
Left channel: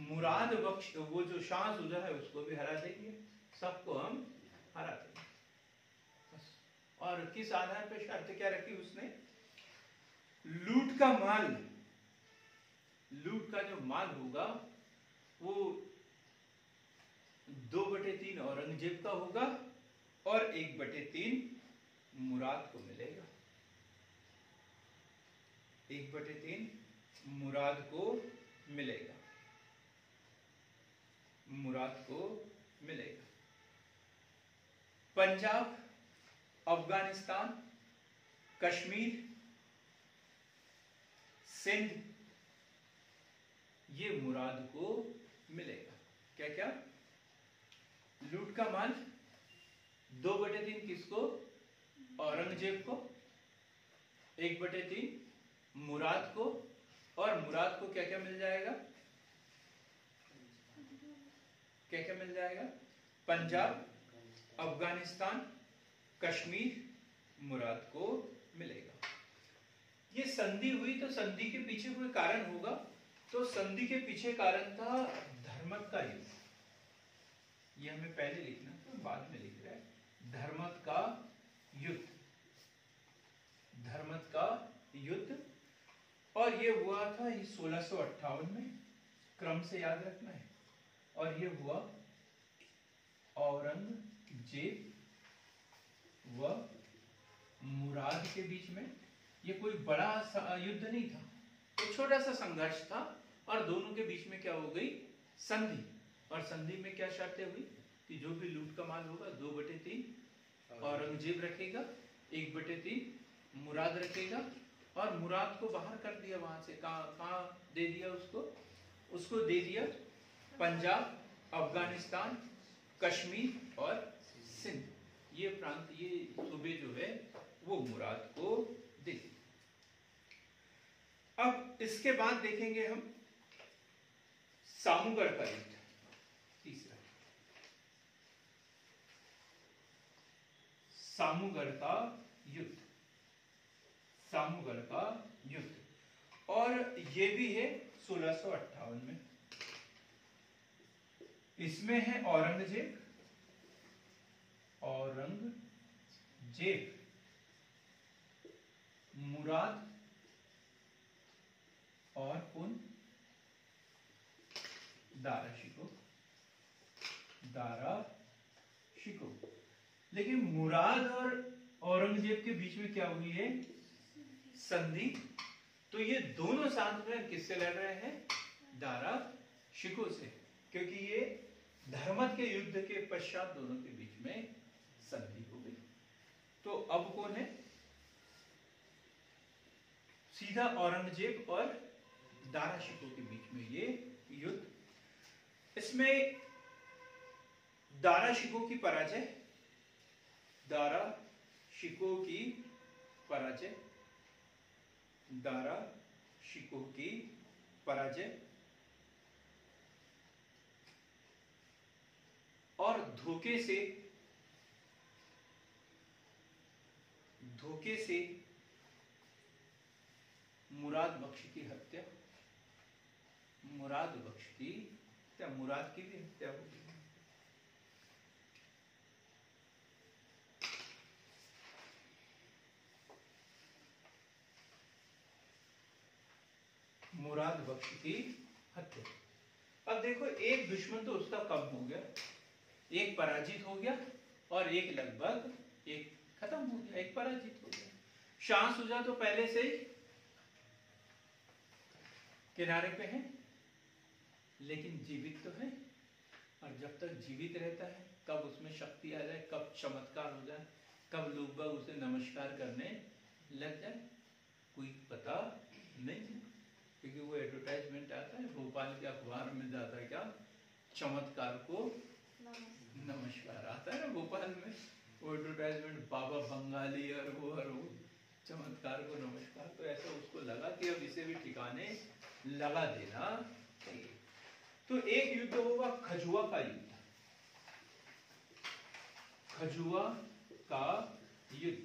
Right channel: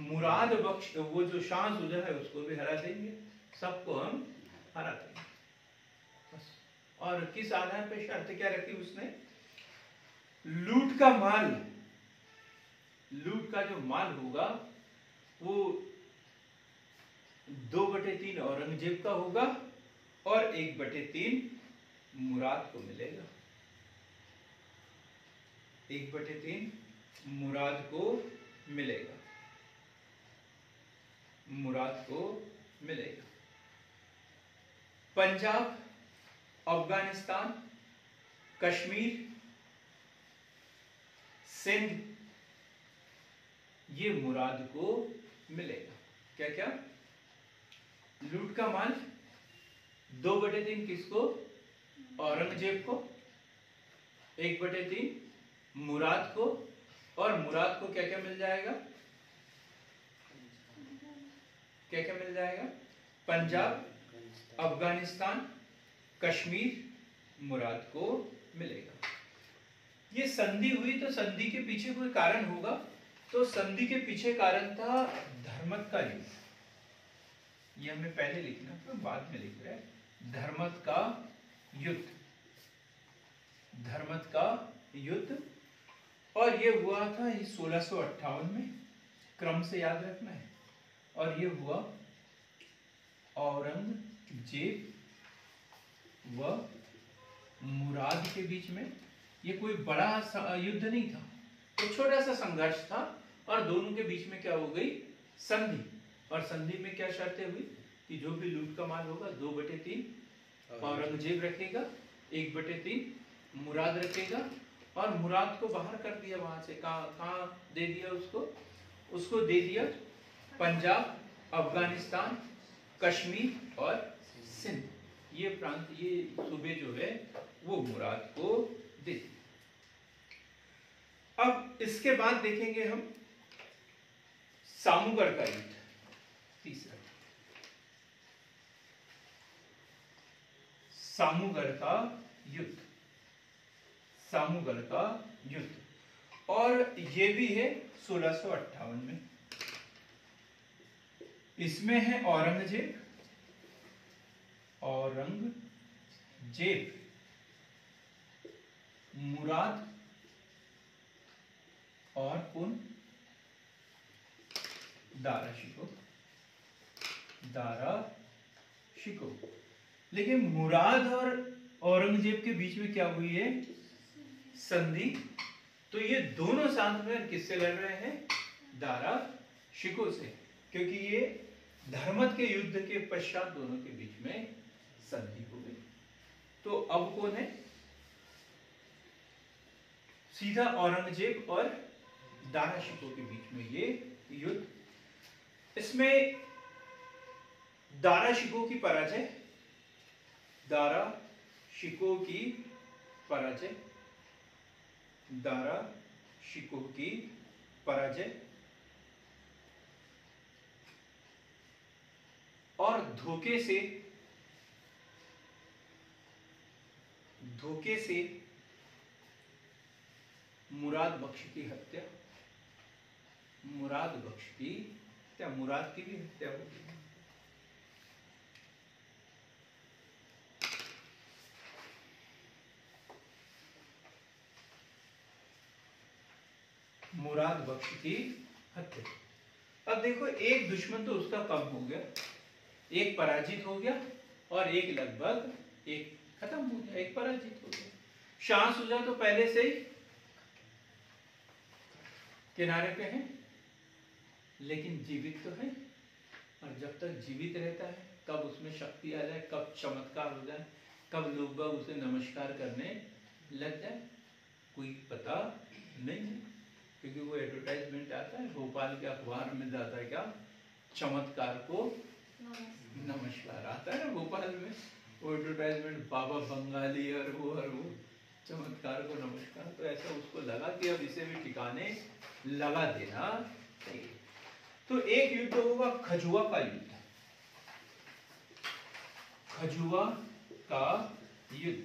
मुराद बख्श, वो जो शाह सुजा है उसको भी हरा देंगे, सबको हम हरा देंगे बस। और किस आधार पर शर्त क्या रखी उसने? लूट का माल, लूट का जो माल होगा वो 2/3 औरंगजेब का होगा और 1/3 मुराद को मिलेगा, 1/3 मुराद को मिलेगा, मुराद को मिलेगा। पंजाब, अफगानिस्तान, कश्मीर, सिंध, ये मुराद को मिलेगा। क्या क्या? लूट का माल 2/3 किसको? औरंगजेब को, 1/3 मुराद को, और मुराद को क्या क्या मिल जाएगा? क्या क्या मिल जाएगा? पंजाब, अफगानिस्तान, कश्मीर मुराद को मिलेगा। ये संधि हुई तो संधि के पीछे कोई कारण होगा, तो संधि के पीछे कारण था धर्मत का युद्ध। ये हमें पहले लिखना तो बाद में लिख रहे हैं। धर्मत का युद्ध, धर्मत का युद्ध, और ये हुआ था 1658 में, क्रम से याद रखना है। और ये हुआ औरंगजेब व मुराद के बीच में। ये कोई बड़ा युद्ध नहीं था, एक छोटा सा संघर्ष था, और दोनों के बीच में क्या हो गई, संधि। और संधि में क्या शर्तें हुई कि जो भी लूट का माल होगा 2/3 औरंगजेब रखेगा, 1/3 मुराद रखेगा। और मुराद को बाहर कर दिया वहां से, कहाँ दे दिया उसको दे दिया पंजाब, अफगानिस्तान, कश्मीर और सिंध। ये प्रांत, ये सूबे जो है वो मुराद को दे। अब इसके बाद देखेंगे हम सामूगढ़ का युद्ध, तीसरा सामूगढ़ का युद्ध, सामूगढ़ का युद्ध। और ये भी है 1658 में। इसमें है औरंगजेब मुराद और कौन, दारा शिकोह। लेकिन मुराद और औरंगजेब के बीच में क्या हुई है, संधि। तो ये दोनों साथ में किससे लड़ रहे हैं, दारा शिकोह से, क्योंकि ये धर्मत के युद्ध के पश्चात दोनों के बीच में संधि हो गई। तो अब कौन है, सीधा औरंगजेब और दारा शिकोह के बीच में ये युद्ध। इसमें दारा शिकोह की पराजय, दारा शिकोह की पराजय, दारा शिकोह की पराजय, और धोखे से मुराद बख्श की हत्या, मुराद बख्श की, क्या मुराद की भी हत्या हो गई। मुराद बख्श की हत्या। अब देखो, एक दुश्मन तो उसका कम हो गया, एक पराजित हो गया, और एक लगभग एक खत्म हो गया, एक पराजित हो गया। शाह सुजा तो पहले से ही किनारे पे है, लेकिन जीवित तो है। और जब तक जीवित रहता है, कब उसमें शक्ति आ जाए, कब चमत्कार हो जाए, कब लोग बाग उसे नमस्कार करने लग जाए, कोई पता नहीं है। क्योंकि वो एडवर्टाइजमेंट आता है भोपाल के अखबार में, जाता है क्या, चमत्कार को नमस्कार आता है ना भोपाल में, वो एडवर्टाइजमेंट, बाबा बंगाली और वो चमत्कार को नमस्कार। तो ऐसा उसको लगा कि अब इसे भी ठिकाने लगा देना चाहिए। तो एक युद्ध होगा खजुआ का युद्ध, खजुआ का युद्ध।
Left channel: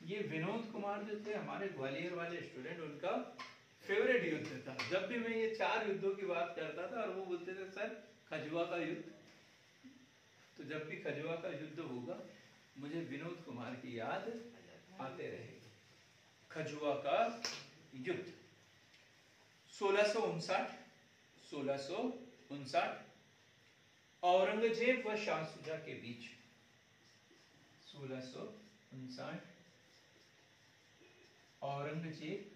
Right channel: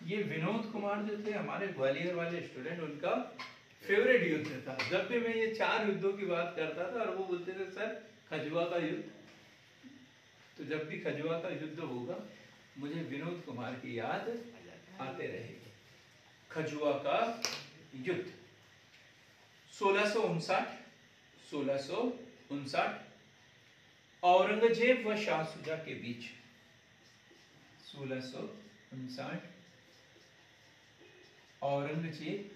ये विनोद कुमार जो थे हमारे ग्वालियर वाले स्टूडेंट, उनका फेवरेट युद्ध था। जब भी मैं ये 4 युद्धों की बात करता था और वो बोलते थे सर खजुआ का युद्ध, तो जब भी खजुआ का युद्ध होगा मुझे विनोद कुमार की याद आते रहेगी। खजुआ का युद्ध 1659 औरंगजेब व शाह सुजा के बीच। 1659 औरंगजेब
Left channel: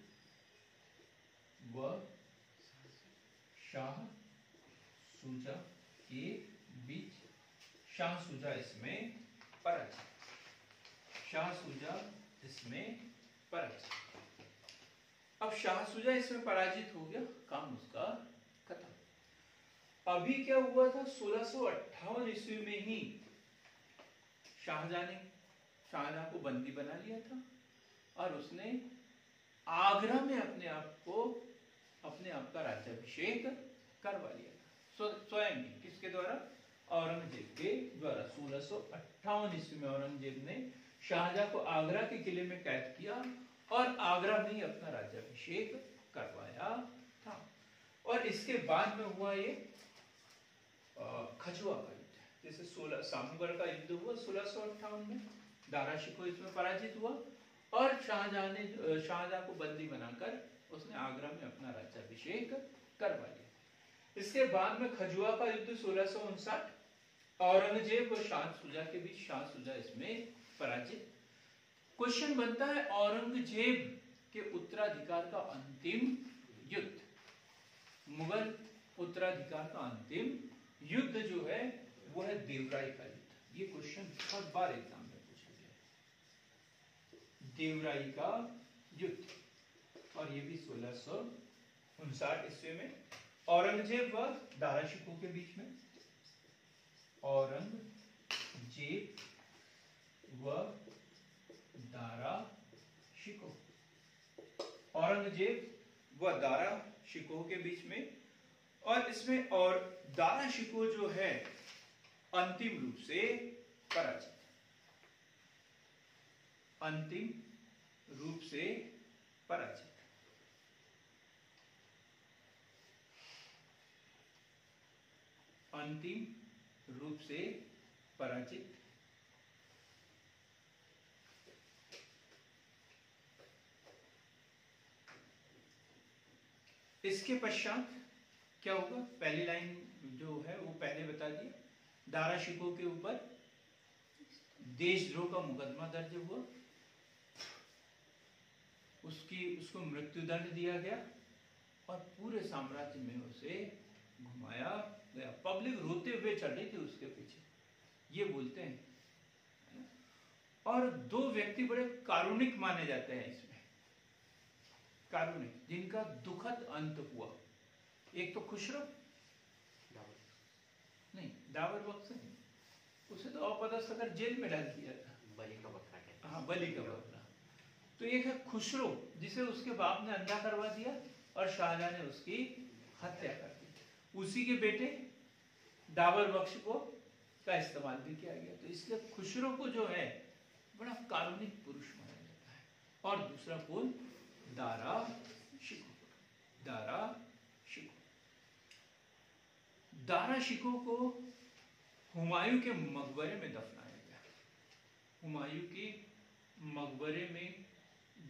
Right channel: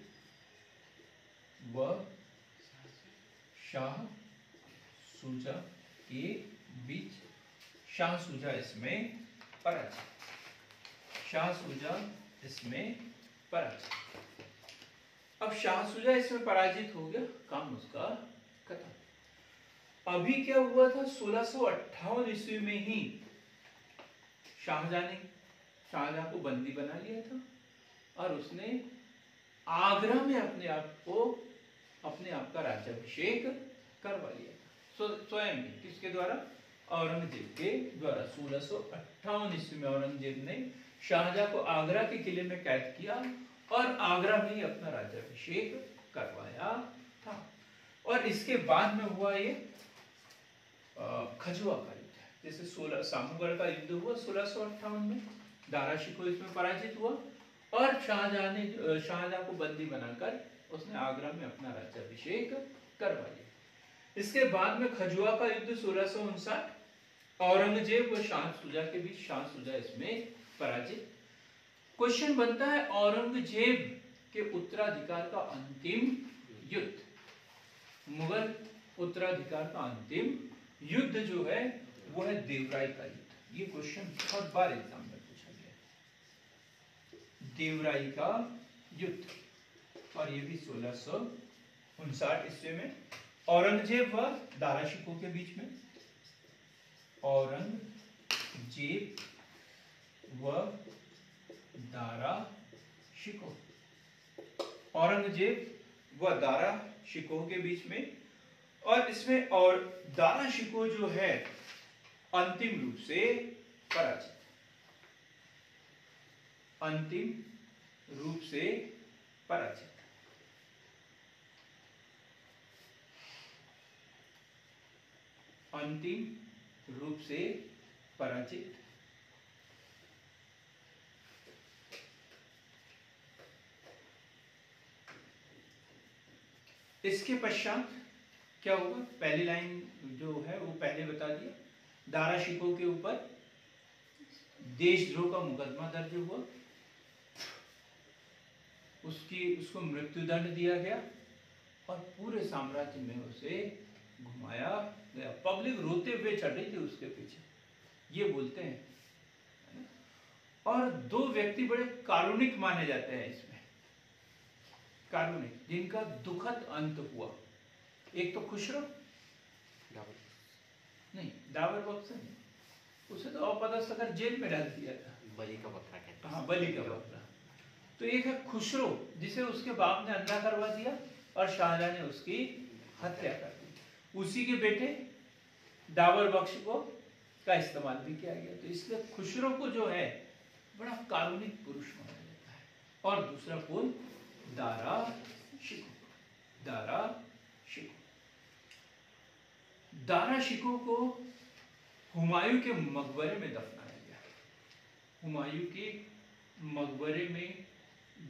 व शाह सुजा के बीच। शाह सुजा इसमें पराजित, शाह सुजा इसमें पराजित। अब शाह सुजा इसमें पराजित हो गया, काम उसका खत्म। अभी क्या हुआ था, 1658 ईस्वी में ही शाहजहां को बंदी बना लिया था, और उसने आगरा में अपने आप का राज्याभिषेक करवा लिया, स्वयं, किसके द्वारा, औरंगजेब के द्वारा 1658 ईस्वी में औरंगजेब ने शाहजहां को आगरा के किले में कैद किया और आगरा में ही अपना राज्याभिषेक करवाया था। और इसके बाद में हुआ ये खजुआ का युद्ध, जैसे 16 सामूगढ़ का युद्ध हुआ 1658 में, दारा शिकोह इसमें पराजित हुआ और शाहजहां को बंदी बनाकर उसने आगरा में अपना राज्याभिषेक करवा लिया। इसके बाद में खजुआ का युद्ध 1659, औरंगजेब व शाह शुजा के बीच, शाह शुजा इसमें पराजित। क्वेश्चन बनता है औरंगजेब के उत्तराधिकार का अंतिम युद्ध, मुगल उत्तराधिकार का अंतिम युद्ध जो है वो है देवराई का युद्ध। ये क्वेश्चन बहुत बार एग्जाम में पूछा गया है, देवराई का युद्ध, और ये भी 1659 ईस्वी में औरंगजेब व दारा शिकोह के बीच में, औरंगजेब व दारा शिकोह, औरंगजेब व दारा शिकोह के बीच में। और इसमें और दारा शिकोह जो है अंतिम रूप से पराजित, अंतिम रूप से पराजित। अंतिम रूप से पराजित। इसके पश्चात क्या हुआ, पहली लाइन जो है वो पहले बता दिया, दारा शिकोह के ऊपर देशद्रोह का मुकदमा दर्ज हुआ, उसको मृत्युदंड दिया गया और पूरे साम्राज्य में उसे घुमाया गया। पब्लिक रोते हुए चढ़ी थी उसके पीछे, ये बोलते हैं। और दो व्यक्ति बड़े कारुणिक माने जाते हैं इसमें, कारुणिक, जिनका दुखद अंत हुआ। एक तो खुसरो, नहीं दावर बख्श नहीं, उसे तो अपदस्थ कर जेल में डाल दिया था, बलि का बकरा कहते हैं। हाँ बलि का बकरा। तो एक है खुसरो, जिसे उसके बाप ने अंधा करवा दिया और शाहजहां ने उसकी हत्या कर दी। उसी के बेटे दावर बख्श को का इस्तेमाल भी किया गया। तो इसलिए खुसरो को जो है बड़ा कारुणिक पुरुष माना जाता है। और दूसरा कौन, दारा शिकोह। दारा शिकोह, दारा शिकोह को हुमायूं के मकबरे में दफनाया गया, हुमायूं के मकबरे में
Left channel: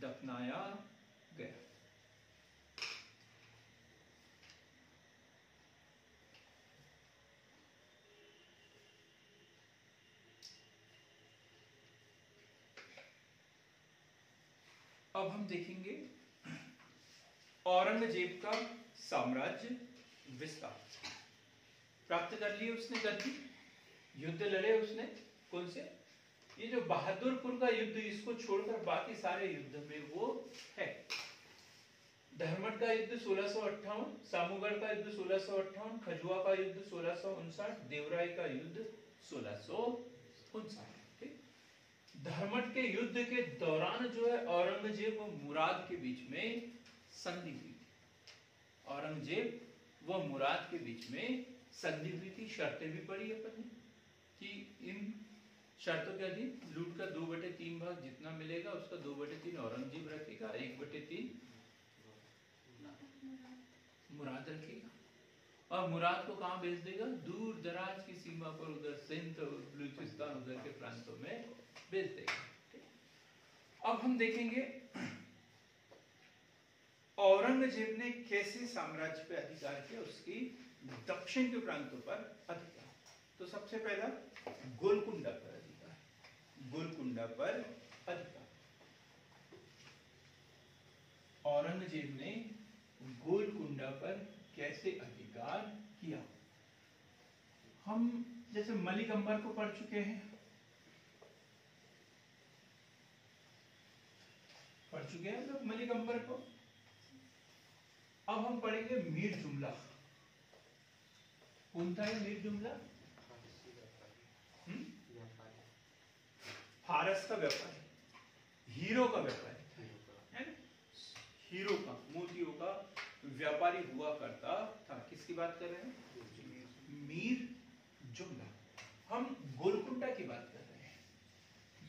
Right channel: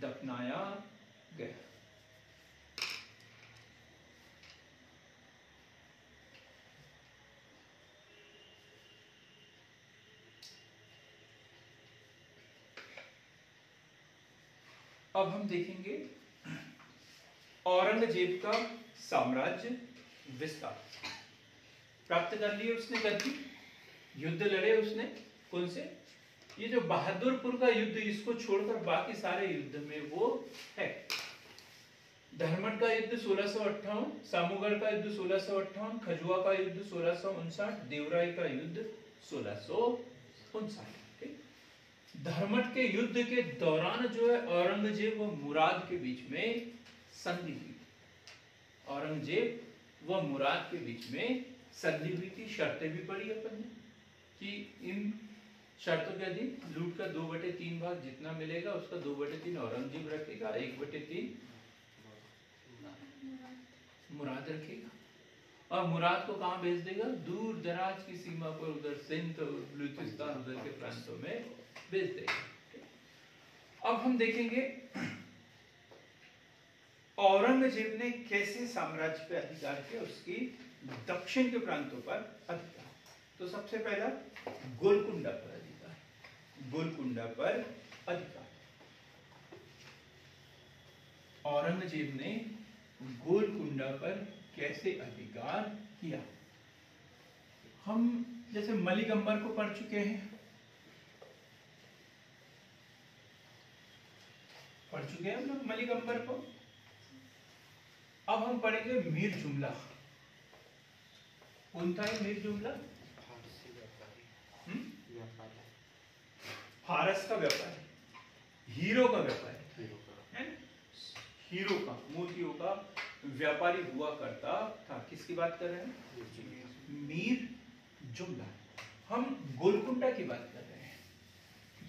दफनाया गया। अब हम देखेंगे औरंगजेब का साम्राज्य विस्तार। प्राप्त कर लिए उसने गद्दी, युद्ध लड़े उसने, कौन से, ये जो बहादुरपुर का युद्ध, इसको छोड़कर बाकी सारे युद्ध में वो है। धर्मट का युद्ध 1658, सामूगढ़ का युद्ध 1658, खजुआ का युद्ध 1659, देवराई का युद्ध 1659। धर्मट के युद्ध के दौरान जो है औरंगजेब व मुराद के बीच में संधि हुई थी, औरंगजेब व मुराद के बीच में संधि हुई थी। शर्तें भी पड़ी अपन ने कि इन शर्तों के अधीन लूट का 2/3 भाग जितना मिलेगा उसका 2/3 औरंगजेब रखेगा, 1/3 मुराद रखेगा। और मुराद को कहाँ भेज देगा, दूर दराज की सीमा पर, उधर सिंध और बलूचिस्तान उधर के प्रांतों में भेज देगा। अब हम देखेंगे औरंगजेब ने कैसे साम्राज्य पे अधिकार किया, उसकी दक्षिण के प्रांतों पर अधिकार। तो सबसे पहला गोलकुंडा पर अधिकार, गोलकुंडा पर अधिकार। औरंगजेब ने गोलकुंडा पर कैसे अधिकार किया। हम जैसे मलिकंबर को पढ़ चुके हैं, पढ़ चुके हैं हम लोग मलिकंबर को। अब हम पढ़ेंगे मीर जुमला। कौन था ये मीर जुमला? फारस का व्यापारी, हीरो का व्यापारी है ना, हीरो का, मोतियों का व्यापारी हुआ करता था। किसकी बात कर रहे हैं? मीर जुमला। हम गोलकुंडा की बात कर रहे हैं।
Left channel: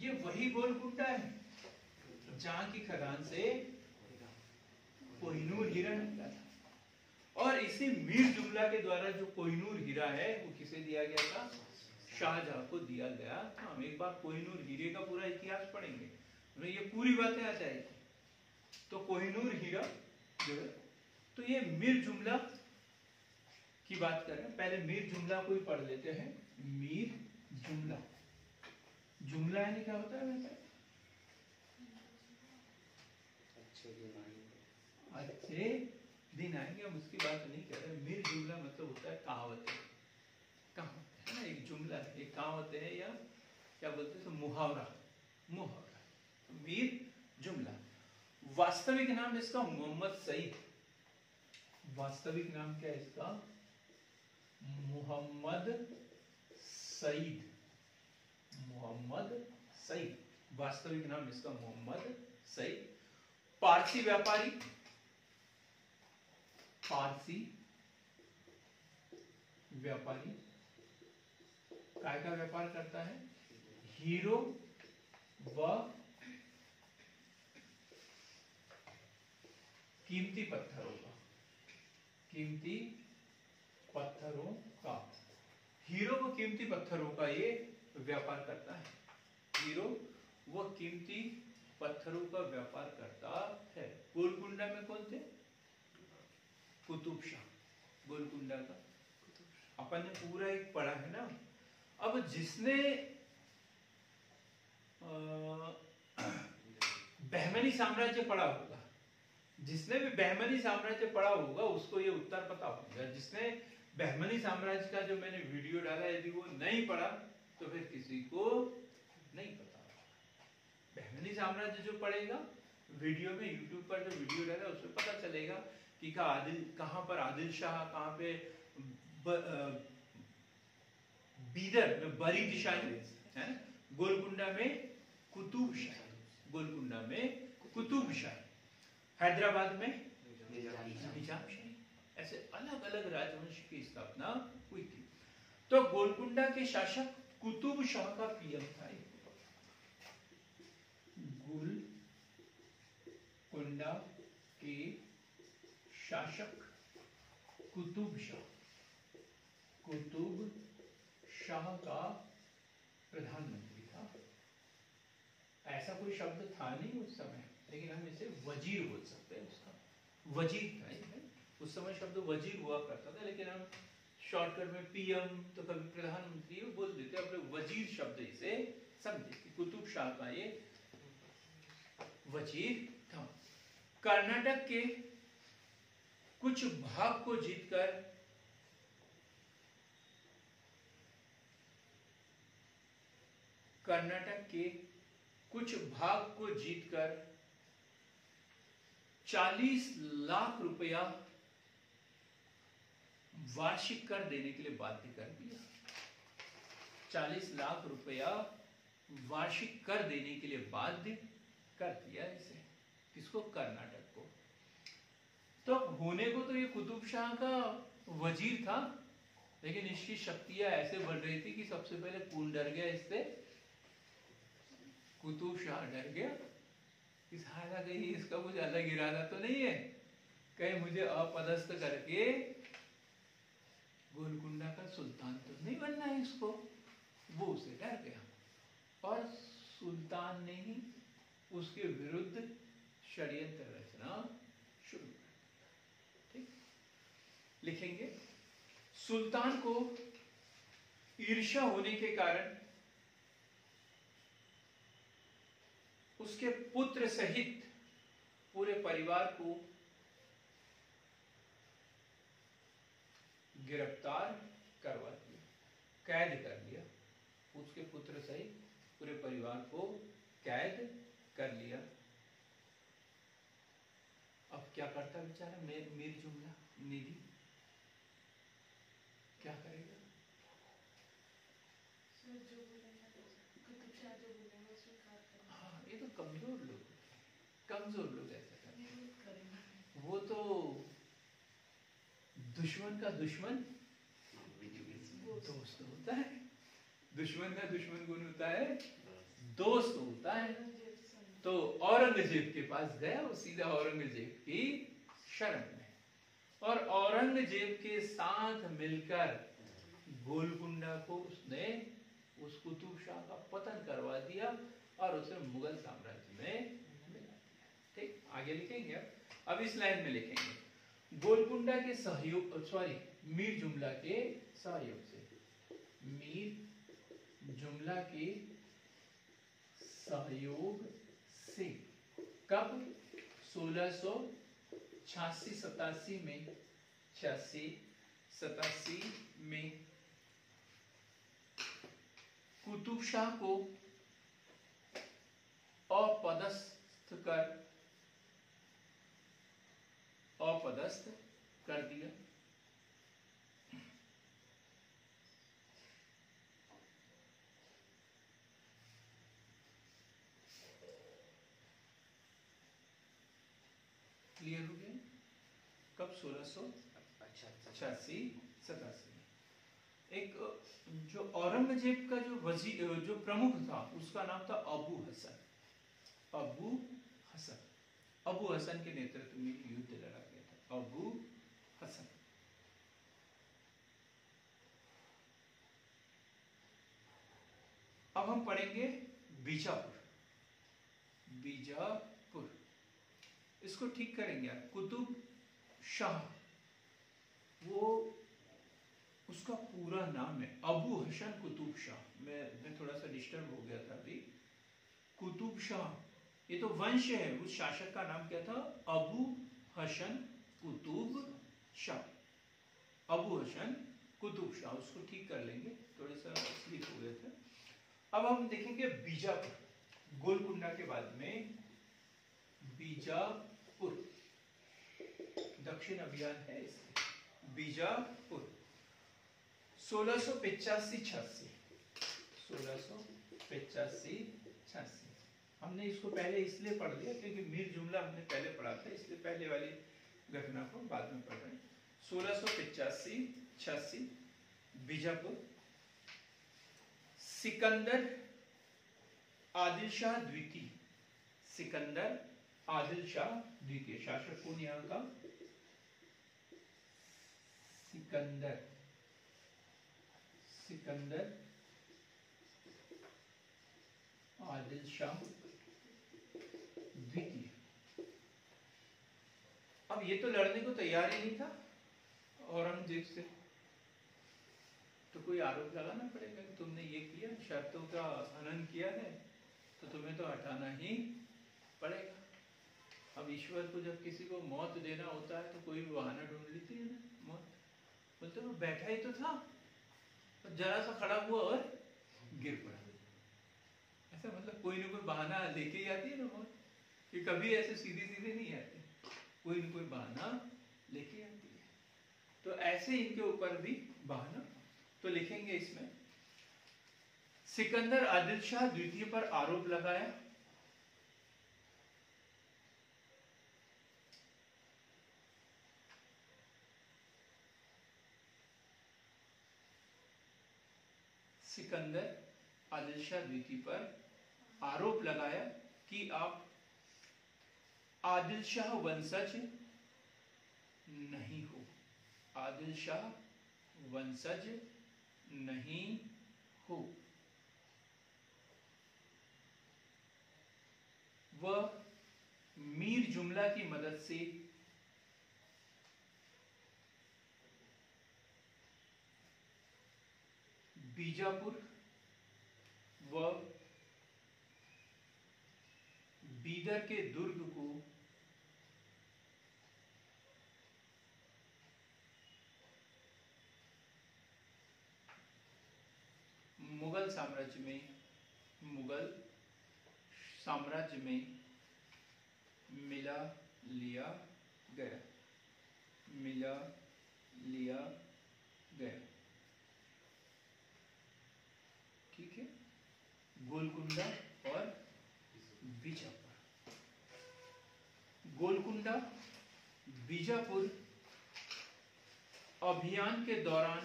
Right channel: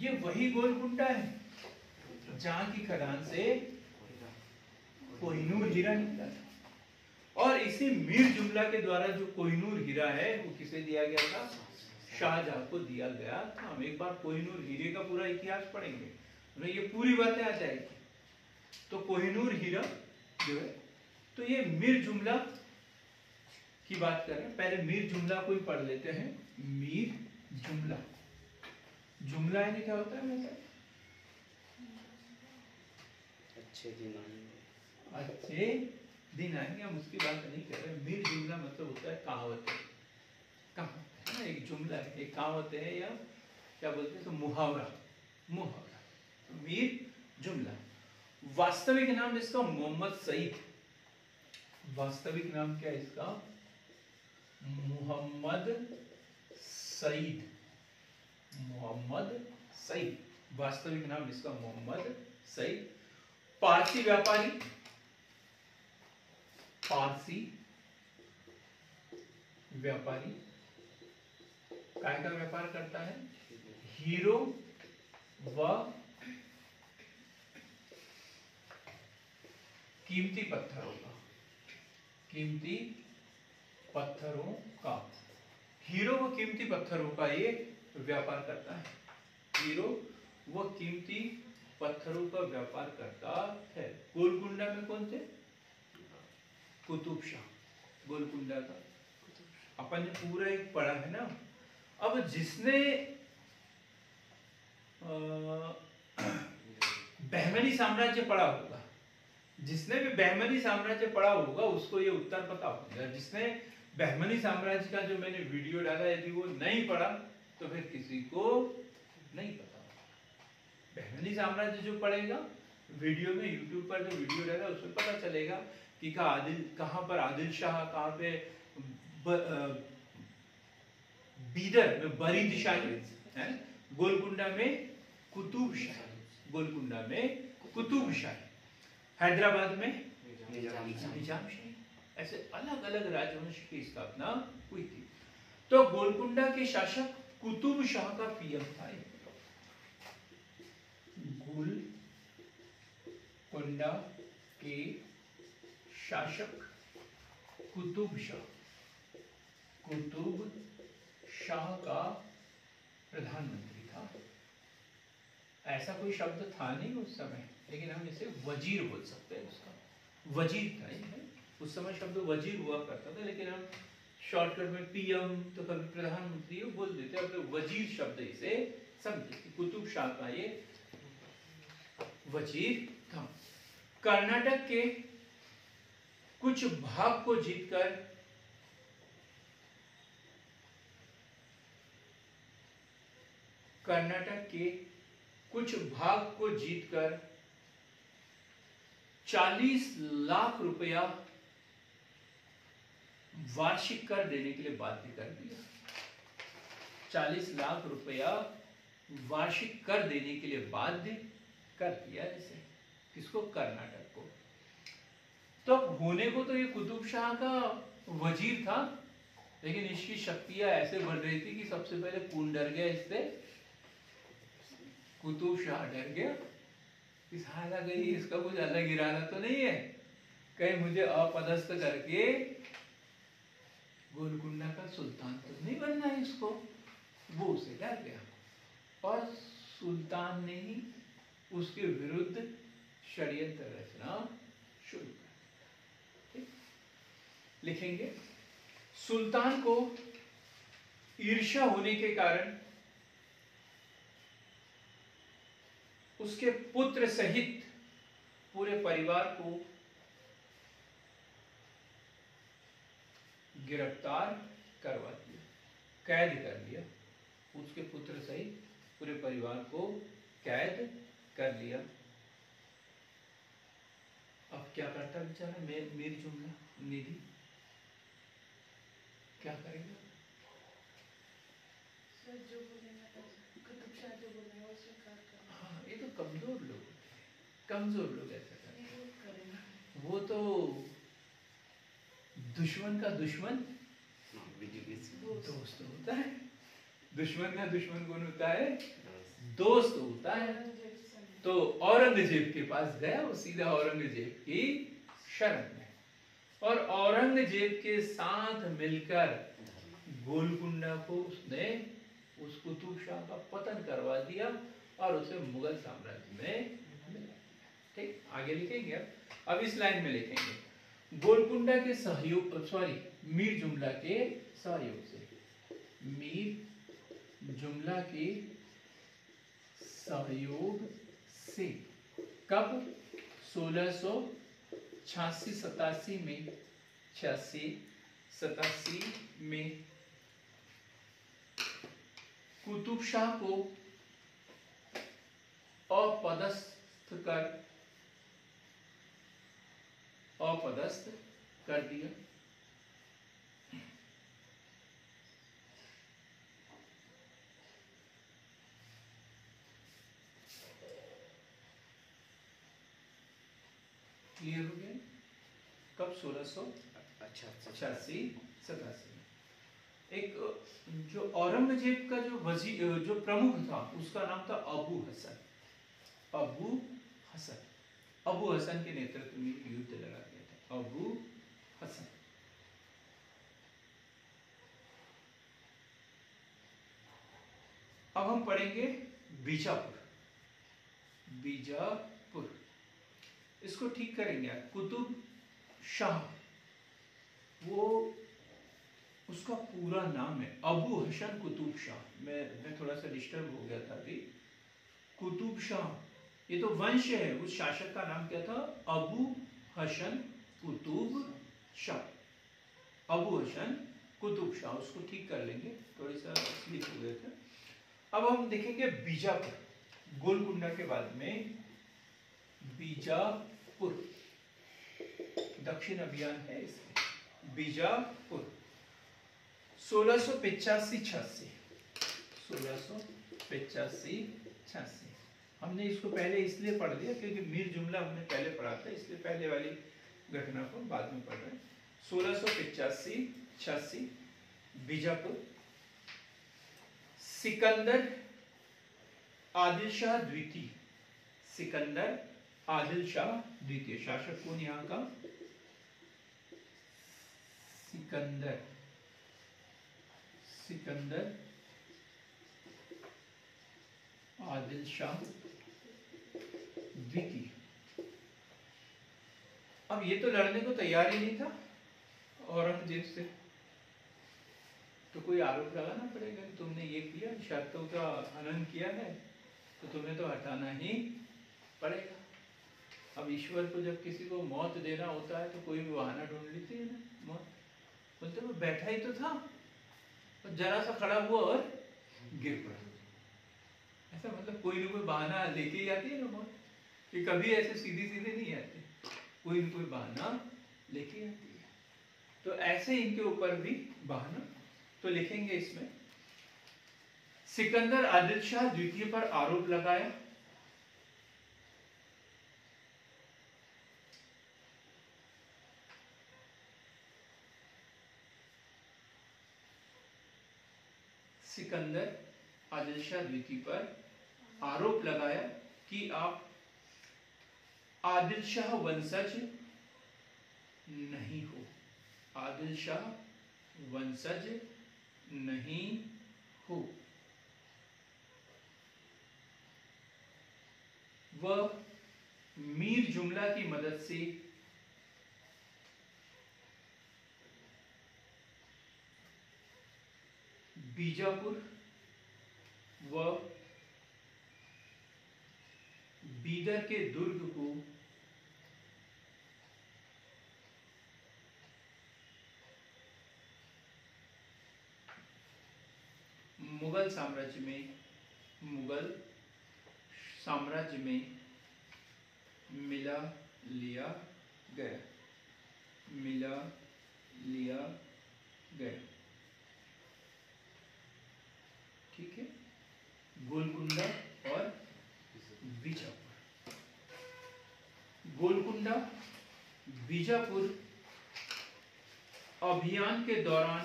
ये वही गोलकुंडा है जहां की खदान से कोहिनूर हीरा निकला था। और इसी मीर जुमला के द्वारा जो कोहिनूर हीरा है वो किसे दिया गया था? शाहजहां को दिया गया था। हम एक बार कोहिनूर हीरे का पूरा इतिहास पढ़ेंगे, हमें ये पूरी बातें आ जाएगी। तो कोहिनूर हीरा जो है, तो ये मीर जुमला की बात कर रहे हैं। पहले मीर जुमला को ही पढ़ लेते हैं। मीर जुमला, जुमला यानी क्या होता है वैसे? अच्छे दिन आएंगे। अच्छे दिन आएंगे, हम उसकी बात नहीं कर रहे। मीर जुमला मतलब होता है कहावत। कहावत है ना, एक जुमला है, एक कहावत है, या क्या बोलते हैं तो मुहावरा। मुहावरा मीर जुमला। वास्तविक नाम इसका मोहम्मद सईद। वास्तविक नाम क्या है इसका? मोहम्मद सईद। मोहम्मद सईद, वास्तविक नाम इसका मोहम्मद सईद। पारसी व्यापारी, पारसी व्यापारी काय का व्यापार करता है? हीरो व कीमती पत्थरों का। कीमती पत्थरों का, हीरो व कीमती पत्थरों का ये व्यापार करता है। हीरो व कीमती पत्थरों का व्यापार करता है। गोलकुंडा में कौन थे? कुतुब शाह। गोलकुंडा का अपन ने पूरा एक पढ़ा है ना। अब जिसने बहमनी साम्राज्य पढ़ा होगा, जिसने भी बहमनी साम्राज्य पढ़ा होगा उसको ये उत्तर पता होगा। जिसने बहमनी साम्राज्य का जो मैंने वीडियो डाला, यदि वो नहीं पढ़ा तो फिर किसी को नहीं पता। बहमनी साम्राज्य जो पढ़ेगा वीडियो में, यूट्यूब पर जो वीडियो डाला उसमें पता चलेगा कि कहाँ पर आदिल शाह, कहाँ पे बीदर में बरी दिशा है, गोलकुंडा में कुतुब शाह, गोलकुंडा में कुतुब शाह, हैदराबाद में निजाम शाह। ऐसे अलग अलग राजवंश की स्थापना हुई थी। तो गोलकुंडा के शासक कुतुब शाह का पीएम था। गोलकुंडा के शासक कुतुब शाह का प्रधानमंत्री था। ऐसा कोई शब्द था नहीं उस समय, लेकिन हम इसे वजीर बोल सकते हैं। उसका वजीर था, उस समय शब्द वजीर हुआ करता था, लेकिन हम शॉर्टकट में पीएम तो कभी प्रधानमंत्री बोल देते, अपने वजीर शब्द इसे समझे कि कुतुब शाह का ये वजीर था। कर्नाटक के कुछ भाग को जीतकर कर्नाटक के कुछ भाग को जीतकर 40 लाख रुपया वार्षिक कर देने के लिए बाध्य कर दिया। 40 लाख रुपया वार्षिक कर देने के लिए बाध्य कर दिया इसे। किसको? कर्नाटक को। तो होने को तो ये कुतुब शाह का वजीर था, लेकिन इसकी शक्तियां ऐसे बढ़ रही थी कि सबसे पहले कौन डर गया इससे? कुतुब शाह डर गया। इस हाल गई, इसका कुछ अलग इरादा तो नहीं है, कहीं मुझे अपदस्थ करके गोलकुंडा का सुल्तान तो नहीं बनना है इसको। वो उसे डर गया और सुल्तान ने ही उसके विरुद्ध षड्यंत्र रचना शुरू कर दी। लिखेंगे, सुल्तान को ईर्ष्या होने के कारण उसके पुत्र सहित पूरे परिवार को गिरफ्तार करवा दिया, कैद कर लिया। उसके पुत्र सहित पूरे परिवार को कैद कर लिया। अब क्या करता बेचारा मीर जुमला निधि? क्या करेगा? जो बोलेगा कुतुब शाह जो बोलेगा वो स्वीकार करेगा। हाँ, ये तो कमजोर लोग ऐसा करते। वो तो दुश्मन का दुश्मन दोस्त होता है। दुश्मन का दुश्मन कौन होता है? दोस्त होता है। तो औरंगजेब के पास गया, वो सीधा औरंगजेब की शरण में, और औरंगजेब के साथ मिलकर गोलकुंडा को उसने उस कुतुब शाह का पतन करवा दिया और उसे मुगल साम्राज्य में मिला दिया। ठीक, आगे लिखेंगे। अब इस लाइन में लिखेंगे गोलकुंडा के सहयोग, सॉरी, मीर जुमला के सहयोग से, मीर जुमला के सहयोग से कब? 1686-87 में, 86-87 में कुतुब शाह को अपदस्थ कर दिया। क्लियर हो गया? कब? 1686-87 में। एक जो औरंगजेब का जो वजीर, जो प्रमुख था, उसका नाम था अबू हसन। अबू हसन, अबू हसन के नेतृत्व में युद्ध लड़ा गया था। अबू हसन। अब हम पढ़ेंगे बीजापुर। बीजापुर, इसको ठीक करेंगे आप। कुतुब शाह, वो उसका पूरा नाम है अबू हसन कुतुब शाह। मैं थोड़ा सा डिस्टर्ब हो गया था अभी। कुतुब शाह, ये तो वंश है। उस शासक का नाम क्या था? अबू हसन कुतुब शाह। अबू हसन कुतुब शाह, उसको ठीक कर लेंगे, थोड़ी सा स्लिप हो गया था। अब हम देखेंगे बीजापुर, गोलकुंडा के बाद में बीजापुर, दक्षिण अभियान है इसमें। बीजापुर 1685-86, 1685-86। हमने इसको पहले इसलिए पढ़ लिया क्योंकि मीर जुमला हमने पहले पढ़ा था, इसलिए पहले वाली घटना को बाद में पढ़ रहे हैं। 1685-86 बीजापुर। सिकंदर आदिल शाह द्वितीय, सिकंदर आदिल शाह द्वितीय शासक कौन यहाँ का? सिकंदर आदिल शाह द्वितीय। अब ये तो लड़ने को तैयार ही नहीं था औरंगजेब से, तो कोई आरोप लगाना पड़ेगा कि तुमने ये किया, शर्तों का हनन किया है, तो तुम्हें तो हटाना ही पड़ेगा। अब ईश्वर को जब किसी को मौत देना होता है तो कोई भी बहाना ढूंढ लेती है ना मौत। बोलते वो बैठा ही तो था, तो जरा सा खड़ा हुआ और गिर पड़ा। ऐसा मतलब कोई ना कोई बहाना लेके ही आती है ना मौत, कि कभी ऐसे सीधे सीधे नहीं आते, कोई न कोई बहाना लेके आती है। तो ऐसे इनके ऊपर भी बहाना, तो लिखेंगे इसमें सिकंदर आदिल शाह द्वितीय पर आरोप लगाया। सिकंदर आदिल शाह द्वितीय पर आरोप लगाया कि आप आदिल शाह वंशज नहीं हो, आदिल शाह वंशज नहीं हो। वह मीर जुमला की मदद से बीजापुर व बीदर के दुर्ग को मुगल साम्राज्य में मिला लिया गया। ठीक है, गोलकुंडा और बीजापुर। गोलकुंडा बीजापुर अभियान के दौरान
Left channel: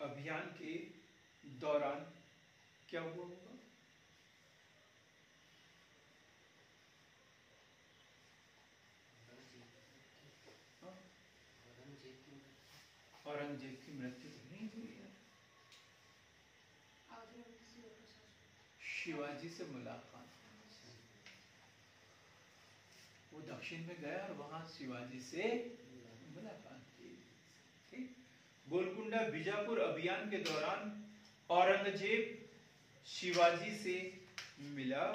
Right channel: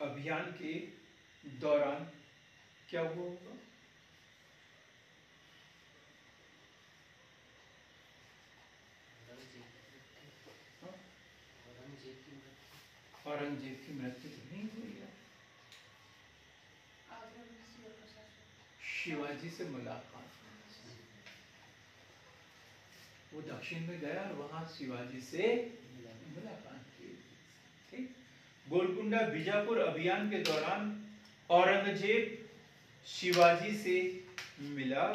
अभियान के दौरान क्या हुआ होगा? औरंगजेब की मृत्यु नहीं हुई है। आगरा में शिवप्रसाद। शिवाजी से मुलाकात, वो दक्षिण में गया और वहां शिवाजी से मुलाकात की। ठीक। गोलकुंडा बीजापुर अभियान के दौरान औरंगजेब शिवाजी से मिला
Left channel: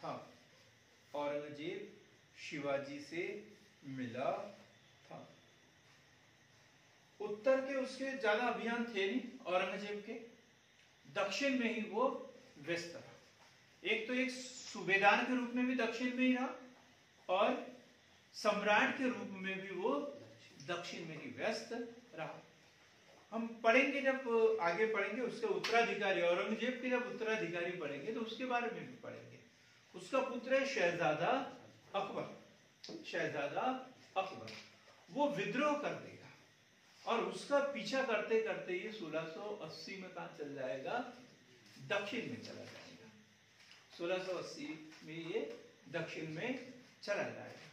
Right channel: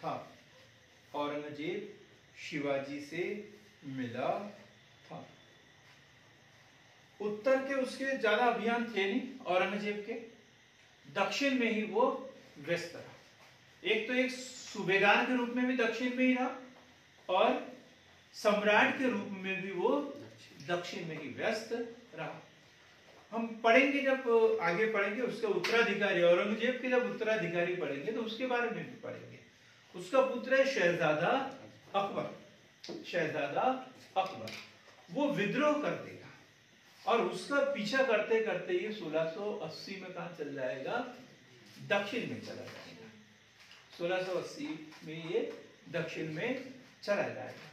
था। औरंगजेब शिवाजी से मिला था। उत्तर के उसके ज्यादा अभियान थे नहीं औरंगजेब के, दक्षिण में ही वो व्यस्त रहा। एक तो एक सूबेदार के रूप में भी दक्षिण में ही रहा और सम्राट के रूप में भी वो दक्षिण में ही व्यस्त रहा। हम पढ़ेंगे, जब आगे पढ़ेंगे उसके उत्तराधिकारी, औरंगजेब के जब उत्तराधिकारी पढ़ेंगे तो उसके बारे में भी पढ़ेंगे। उसका पुत्र है शहजादा अकबर। शहजादा अकबर वो विद्रोह कर देगा और उसका पीछा करते करते ये 1680 में कहा चल जाएगा? दक्षिण में चला जाएगा। 1680 में ये दक्षिण में चला जाएगा।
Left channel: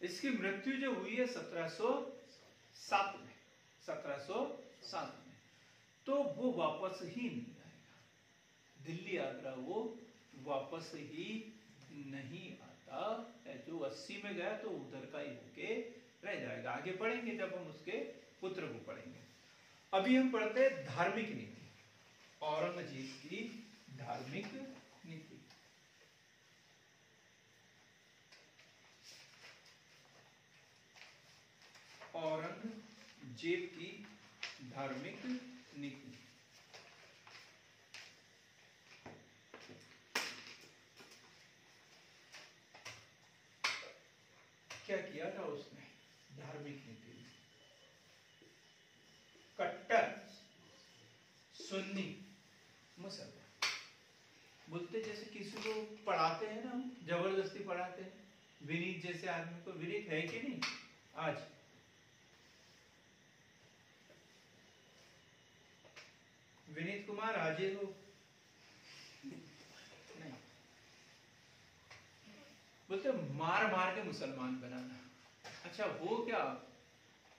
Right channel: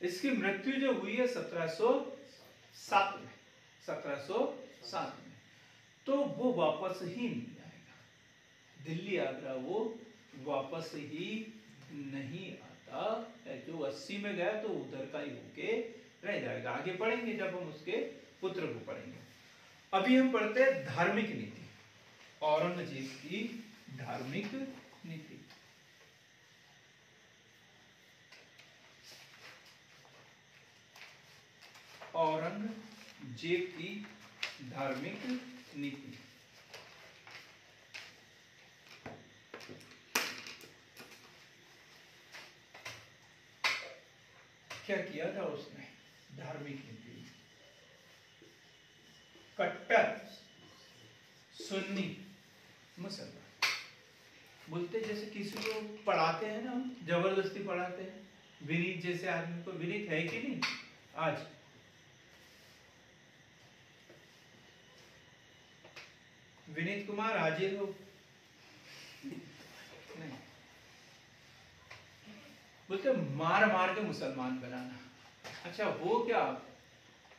इसकी मृत्यु जो हुई है 1707 में, 1707 में, तो वो वापस ही नहीं आएगा। दिल्ली आगरा वो वापस ही नहीं आता है। जो 80 में गया तो उधर का ही होके रह जाएगा। आगे पढ़ेंगे जब हम उसके पुत्र को पढ़ेंगे। अभी हम पढ़ते हैं धार्मिक नीति, औरंगजेब की धार्मिक नीति। औरंगजेब की धार्मिक नीति। क्या किया था उसने? धार्मिक नीति। कट्टर सुन्नी मुसलमान बोलते, जैसे किसी को पढ़ाते हैं ना, जबरदस्ती पढ़ाते हैं। विनीत जैसे आदमी को, विनीत है कि नहीं आज? विनीत कुमार हाजिर हो? नहीं। बोलते मार मार के मुसलमान बनाना। अच्छा वो क्या?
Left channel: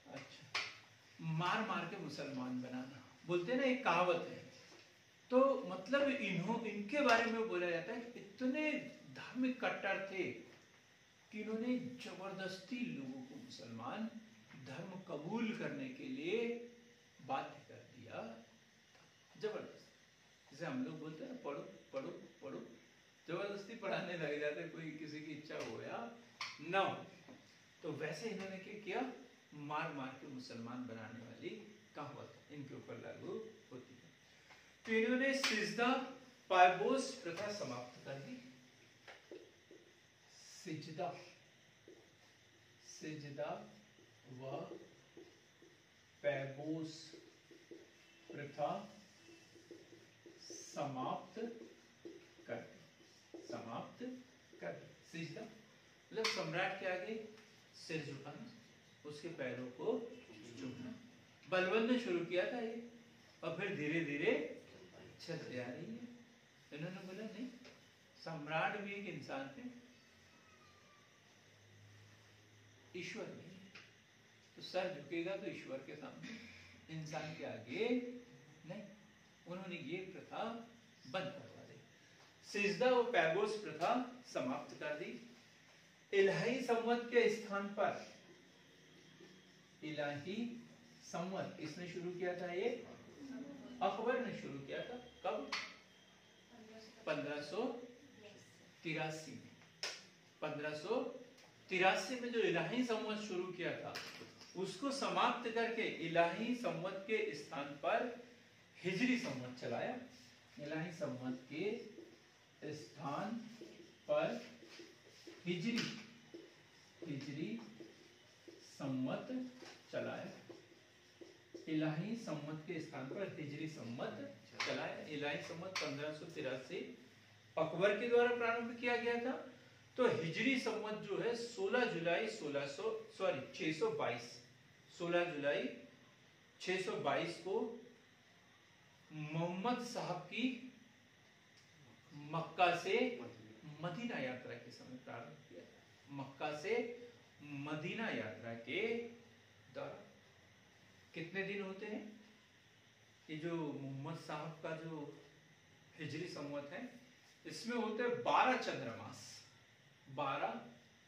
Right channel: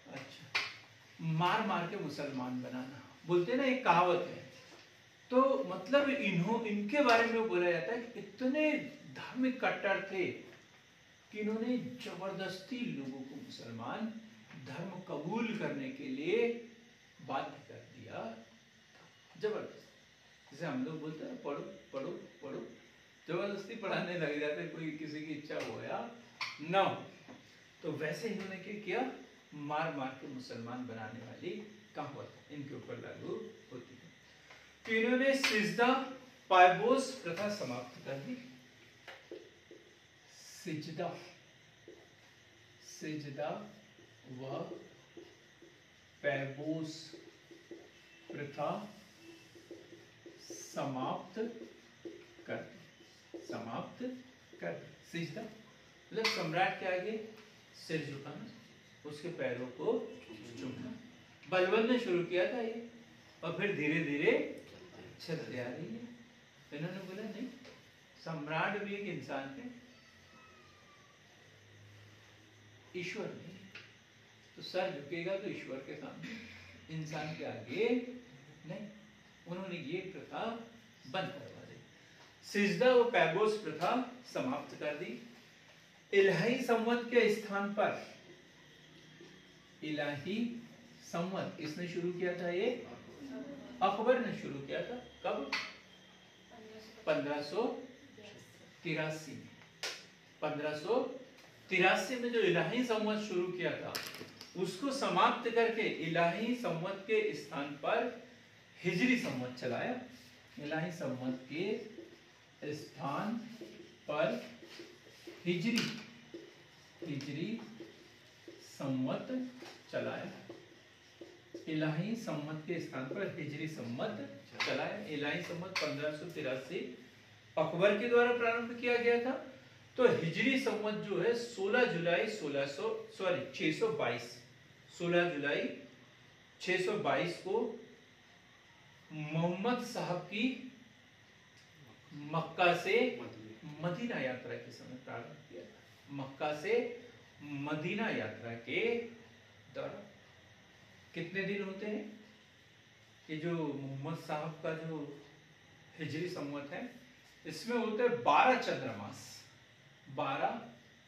अच्छा मार मार के मुसलमान बनाना बोलते ना, एक कहावत है। तो मतलब इनके बारे में बोला जाता है कि इतने धार्मिक कट्टर थे कि इन्होंने जबरदस्ती लोगों को मुसलमान धर्म कबूल करने के लिए बाध्य कर दिया। जबरदस्त, जैसे हम लोग बोलते हैं पढ़ो पढ़ो पढ़ो, जबरदस्ती पढ़ाने लग जाते, कोई किसी की इच्छा हो या ना हो। तो वैसे इन्होंने क्या किया? मार मार के मुसलमान बनाने वाली कहावत इनके ऊपर लागू होती है। तो इन्होंने सिजदा पायबोस प्रथा समाप्त कर दी। सिजदा, सिजदा व पैबोस प्रथा समाप्त कर दी, समाप्त कर दी। सिजदा मतलब सम्राट के आगे सिर झुकाना, उसके पैरों को चूमना। बलबन ने शुरू किया था ये और फिर धीरे धीरे चलती आ रही है। इन्होंने बोला नहीं, सम्राट भी एक इंसान है, ईश्वर नहीं। तो सर झुकेगा तो ईश्वर के सामने, इंसान के आगे नहीं। उन्होंने ये प्रथा बंद करवा दी। सिजदा व पैबोस प्रथा समाप्त कर दी। इलाही संवत के स्थान पर, इलाही संवत इसने शुरू किया था, ये अकबर ने शुरू किया था। कब? 1583 में। 1583 में जो इलाही संवत शुरू किया था उसको समाप्त करके इलाही संवत के स्थान पर हिजरी संवत चलाया। इलाही संवत के स्थान पर हिजरी संवत चलाया। इलाही संवत के स्थान पर हिजरी संवत चलाया। इलाही संवत 1583 अकबर के द्वारा प्रारंभ किया गया था। तो हिजरी संवत जो है 16 जुलाई 622 को मोहम्मद साहब की मक्का से मदीना यात्रा के समय प्रारंभ किया था। मक्का से मदीना यात्रा के दौरान कितने दिन होते हैं? ये जो मोहम्मद साहब का जो हिजरी संवत है, इसमें होते हैं 12 चंद्रमास। 12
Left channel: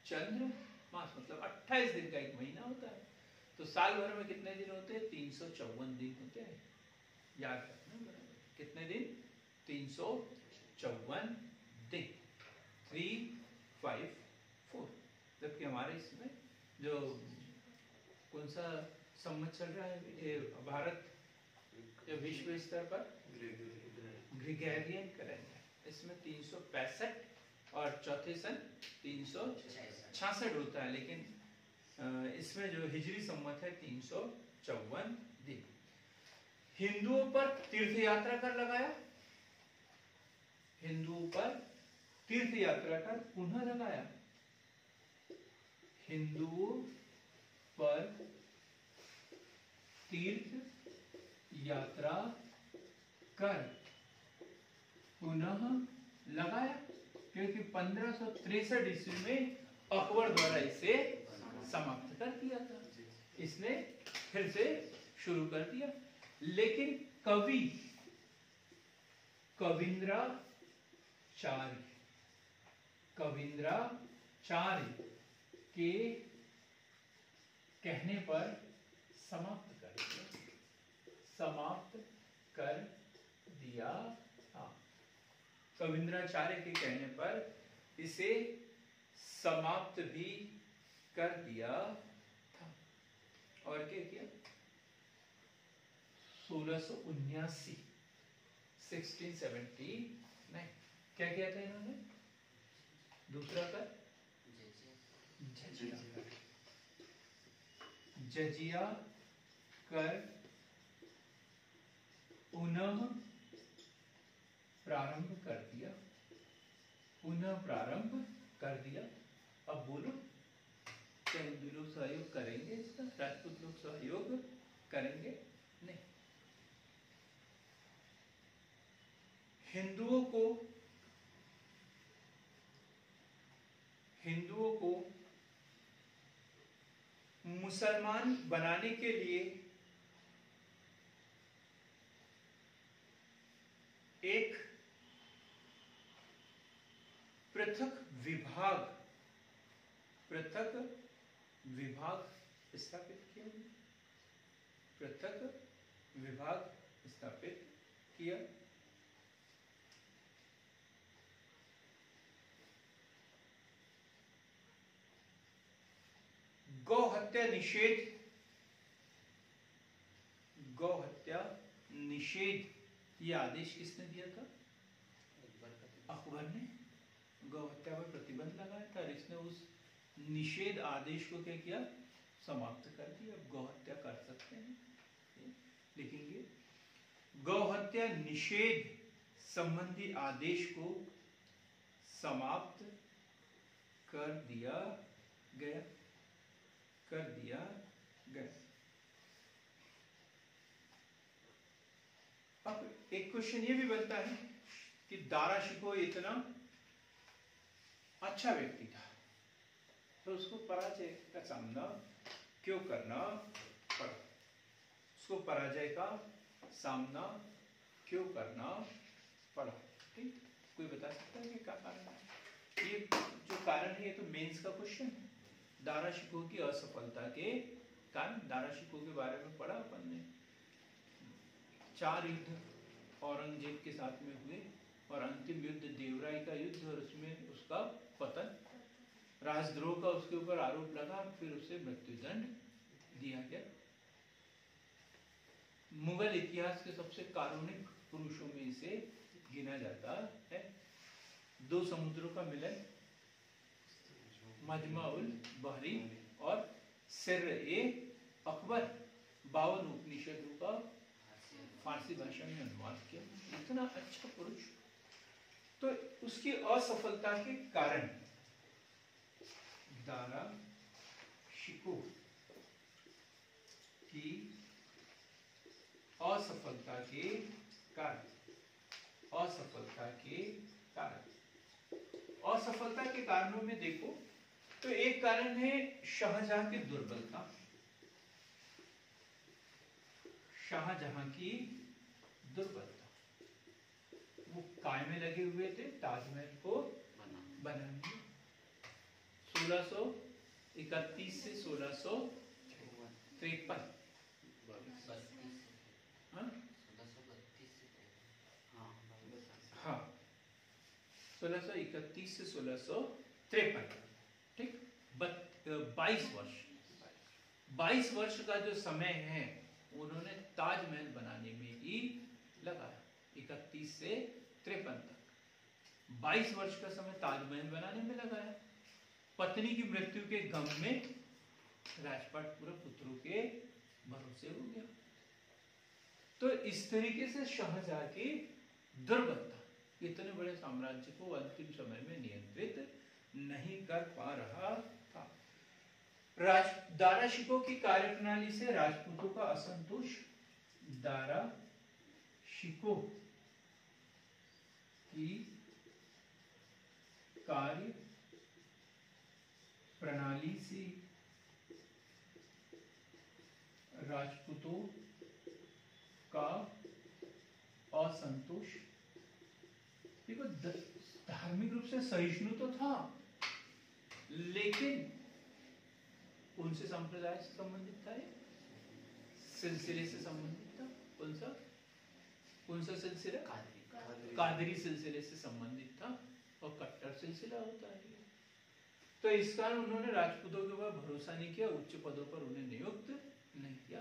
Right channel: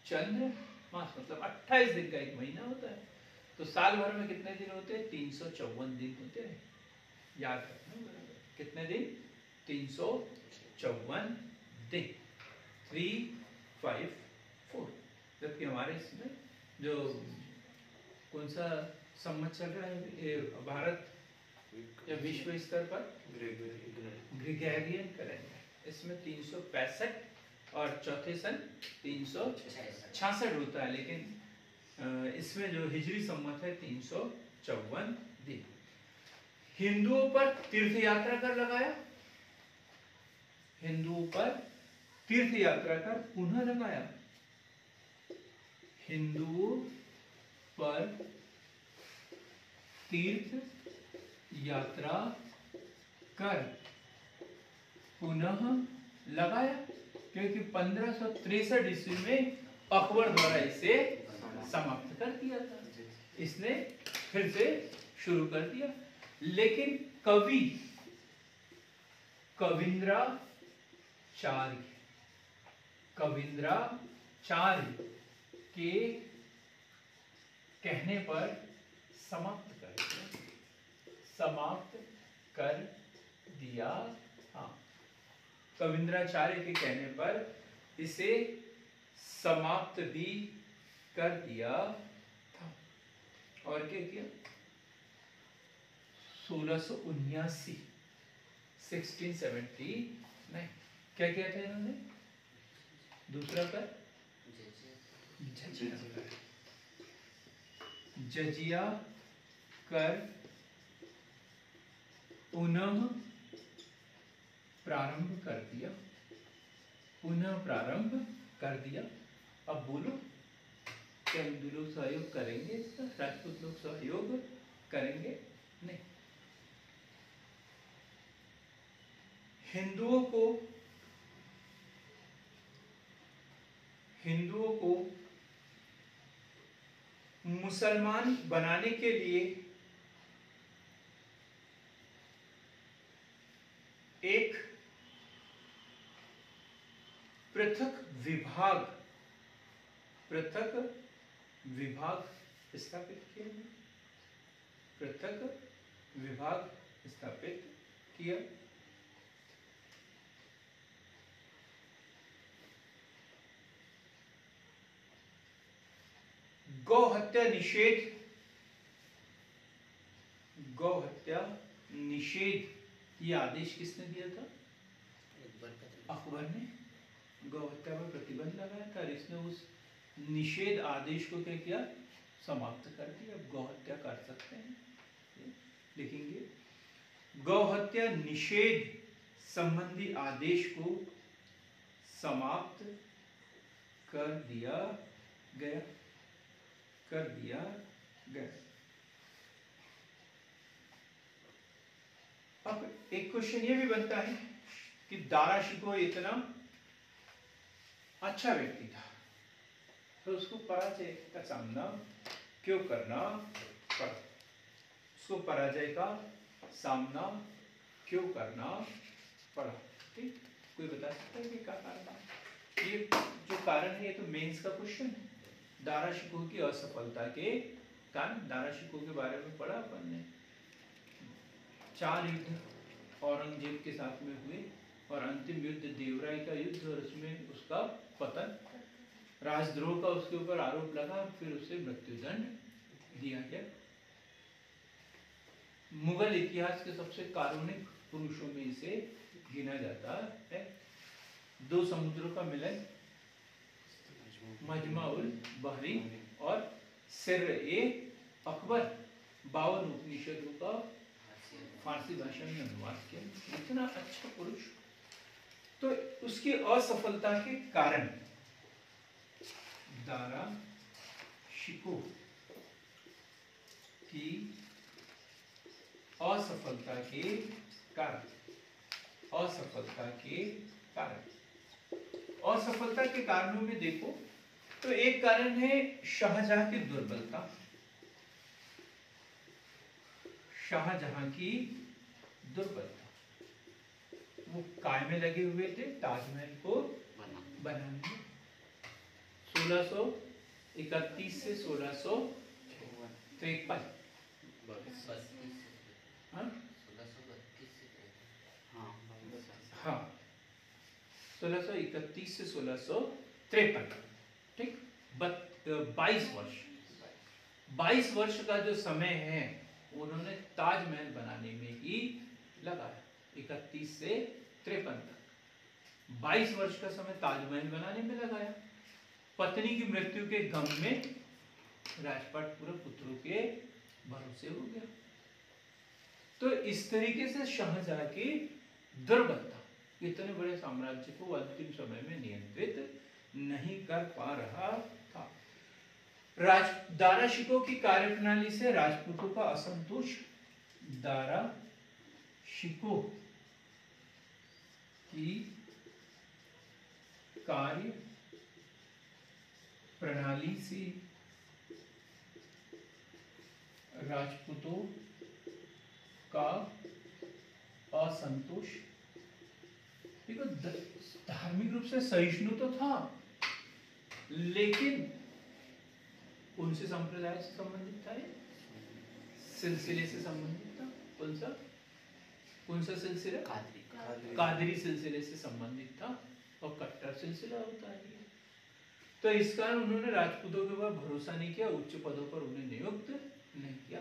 चंद्रमास मतलब 28 दिन का एक महीना होता है। तो साल भर में कितने दिन होते हैं? 354 दिन होते हैं। याद रखना, कितने दिन? 354 दिन, 3, 5, 4। जबकि हमारे इसमें जो कौन सा संवत चल रहा है ये भारत या विश्व स्तर पर? ग्रेगोरियन कैलेंडर, इसमें 365 और चौथे सन 366 होता है, लेकिन इसमें जो हिजरी संवत है 354 दिन। हिंदुओं पर तीर्थ यात्रा कर लगाया, हिंदुओं पर तीर्थ यात्रा कर पुनः लगाया। हिंदुओं पर तीर्थ यात्रा कर पुनः लगाया, क्योंकि 1563 ईस्वी में अकबर द्वारा इसे समाप्त कर दिया था। इसने फिर से शुरू कर दिया, लेकिन कवि कविंद्राचार्य के कहने पर समाप्त कर दिया। हाँ, कविंद्राचार्य के कहने पर इसे समाप्त भी कर दिया था। और क्या किया? 1679 1679 क्या किया था इन्होंने? दूसरा कर जजिया कर पुनः प्रारंभ कर दिया, पुनः प्रारंभ कर दिया। अब बोलो, क्या हिंदू लोग सहयोग करेंगे इसका? राजपूत लोग सहयोग करेंगे? नहीं। हिंदुओं को मुसलमान बनाने के लिए एक पृथक विभाग स्थापित किया, पृथक विभाग स्थापित किया। गौ हत्या निषेध ये आदेश किसने दिया था? अकबर ने गौ हत्या पर प्रतिबंध लगाया था, और इसने उस निषेध आदेश को क्या किया? समाप्त कर दिया। अब गौ हत्या कर सकते हैं, लिखेंगे गौ हत्या निषेध संबंधी आदेश को समाप्त कर दिया गया। अब एक क्वेश्चन ये भी बनता है कि दारा शिकोह इतना अच्छा व्यक्ति था, तो उसको पराजय का सामना क्यों करना पड़ा? उसको पराजय का सामना क्यों करना पड़ा? ठीक, कोई बता सकता है कि क्या कारण है? ये जो कारण है ये तो मेंस का क्वेश्चन है। दारा शिकोह की असफलता के कारण, दारा शिकोह के बारे में पढ़ा अपन ने। 4 युद्ध औरंगजेब के साथ में हुए, और अंतिम युद्ध देवराय का युद्ध, और उसमें उसका पतन, राजद्रोह का उसके ऊपर आरोप लगा, फिर उसे मृत्युदंड दिया गया। मुगल इतिहास के सबसे कारुणिक पुरुषों में इसे गिना जाता है। 2 समुद्रों का मिलन, मजमा उल बहरी और सिर्र ए अकबर, 52 उपनिषदों का फारसी भाषा में अनुवाद किया। इतना अच्छा पुरुष, तो उसकी असफलता के कारण दारा शिकोह की असफलता के कारण, असफलता के कारण। असफलता के कारणों में देखो तो एक कारण है शाहजहां की दुर्बलता। शाहजहां की दुर्बलता, वो काय में लगे हुए थे ताजमहल को बनाने में। 1631 से 1653। हाँ, 1631 से 1653, ठीक। 22 वर्ष, 22 वर्ष का जो समय है उन्होंने ताजमहल बनाने में ही लगाया। 31 से 53 तक 22 वर्ष का समय ताजमहल बनाने में लगाया। पत्नी की मृत्यु के गम में राजपाट पूरा पुत्रों के भरोसे हो गया। तो इस तरीके से शाहजहां की दुर्बलता इतने बड़े साम्राज्य को अंतिम समय में नियंत्रित नहीं कर पा रहा था। दारा शिकोह की कार्यप्रणाली से राजपूतों का असंतोष। दारा शिकोह की कार्य प्रणाली से राजपूतों का असंतोष। देखो, धार्मिक रूप से सहिष्णु तो था, लेकिन उनसे संप्रदाय से संबंधित था, सिलसिले से संबंधित था। कौन सा सिलसिला? कादरी सिलसिले से संबंधित था, और कट्टर सिलसिला होता है। तो इस कारण उन्होंने राजपूतों के ऊपर भरोसा नहीं किया, उच्च पदों पर उन्हें नियुक्त नहीं किया।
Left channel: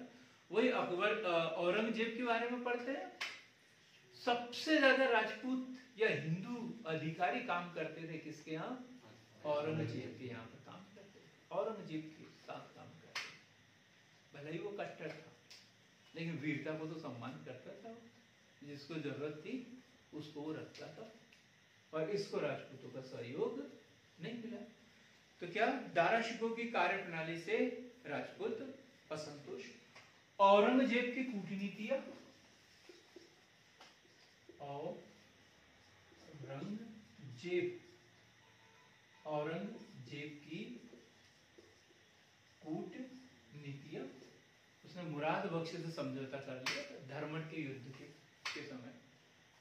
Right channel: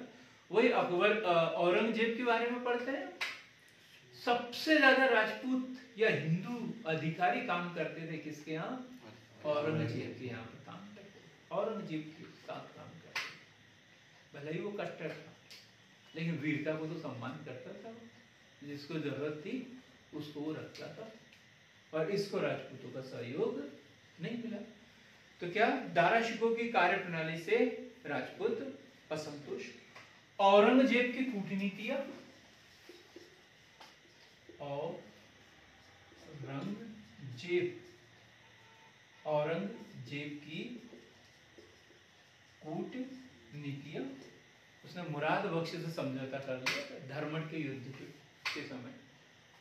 वही अकबर औरंगजेब के बारे में पढ़ते हैं, सबसे ज्यादा राजपूत या हिंदू अधिकारी काम करते थे किसके यहाँ? औरंगजेब के यहाँ पर काम करते थे। औरंगजेब के साथ काम करते थे। भले ही वो कट्टर था, लेकिन वीरता को तो सम्मान करता था। जिसको जरूरत थी उसको वो रखता था, और इसको राजपूतों का सहयोग नहीं मिला। तो क्या? दारा शिकोह की कार्यप्रणाली से राजपूत असंतुष्ट। औरंगजेब की कूटनीतियां। औरंगजेब की कूटनीतियां। उसने मुराद बख्श से समझौता कर लिया धर्मट के युद्ध के समय,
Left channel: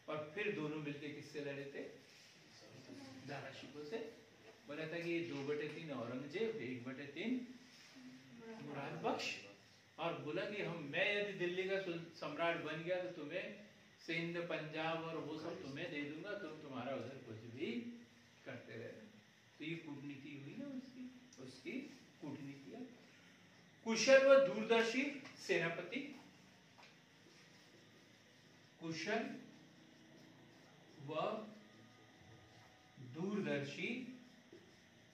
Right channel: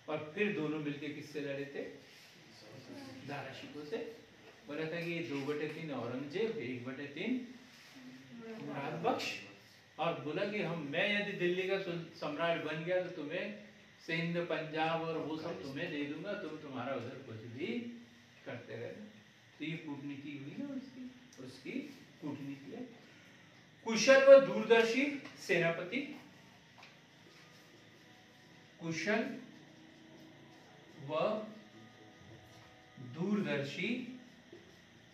और फिर दोनों मिलकर किससे लड़े थे? दारा शिकोह से। बोला था कि 2/3 औरंगजेब, 1/3 मुराद बख्श, और बोला कि मैं यदि दिल्ली का सम्राट बन गया तो तुम्हें सिंध, पंजाब और वो सब तुम्हें दे दूंगा, तुम तुम्हारा उधर कुछ भी करते रहना। तो ये कूटनीति हुई ना उसकी कूटनीति है। कुशल व दूरदर्शी सेनापति। कुशल व दूरदर्शी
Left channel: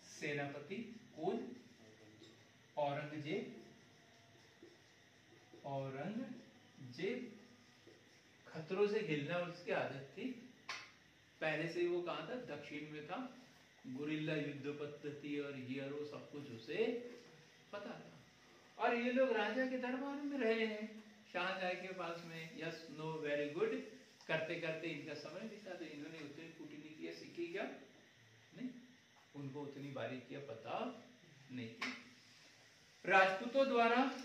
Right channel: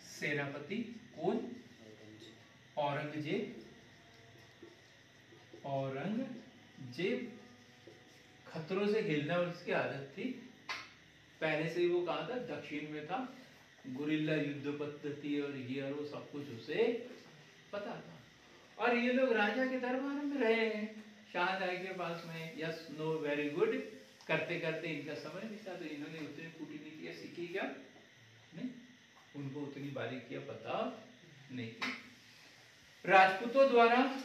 सेनापति कौन? औरंगजेब। औरंगजेब खतरों से हिलना उसकी आदत थी। पहले से ही वो कहा था, दक्षिण में था, गुरिल्ला युद्ध पद्धति और ये वो सब कुछ उसे पता था। और ये लोग राजा के दरबार में रहे हैं, शाहजहां के पास में। यस, नो, वेरी गुड करते करते इनका समय बीता। तो इन्होंने उतनी कूटनीतियां सीखी क्या? नहीं, उनको उतनी बारीकियां पता नहीं थी। राजपूतों द्वारा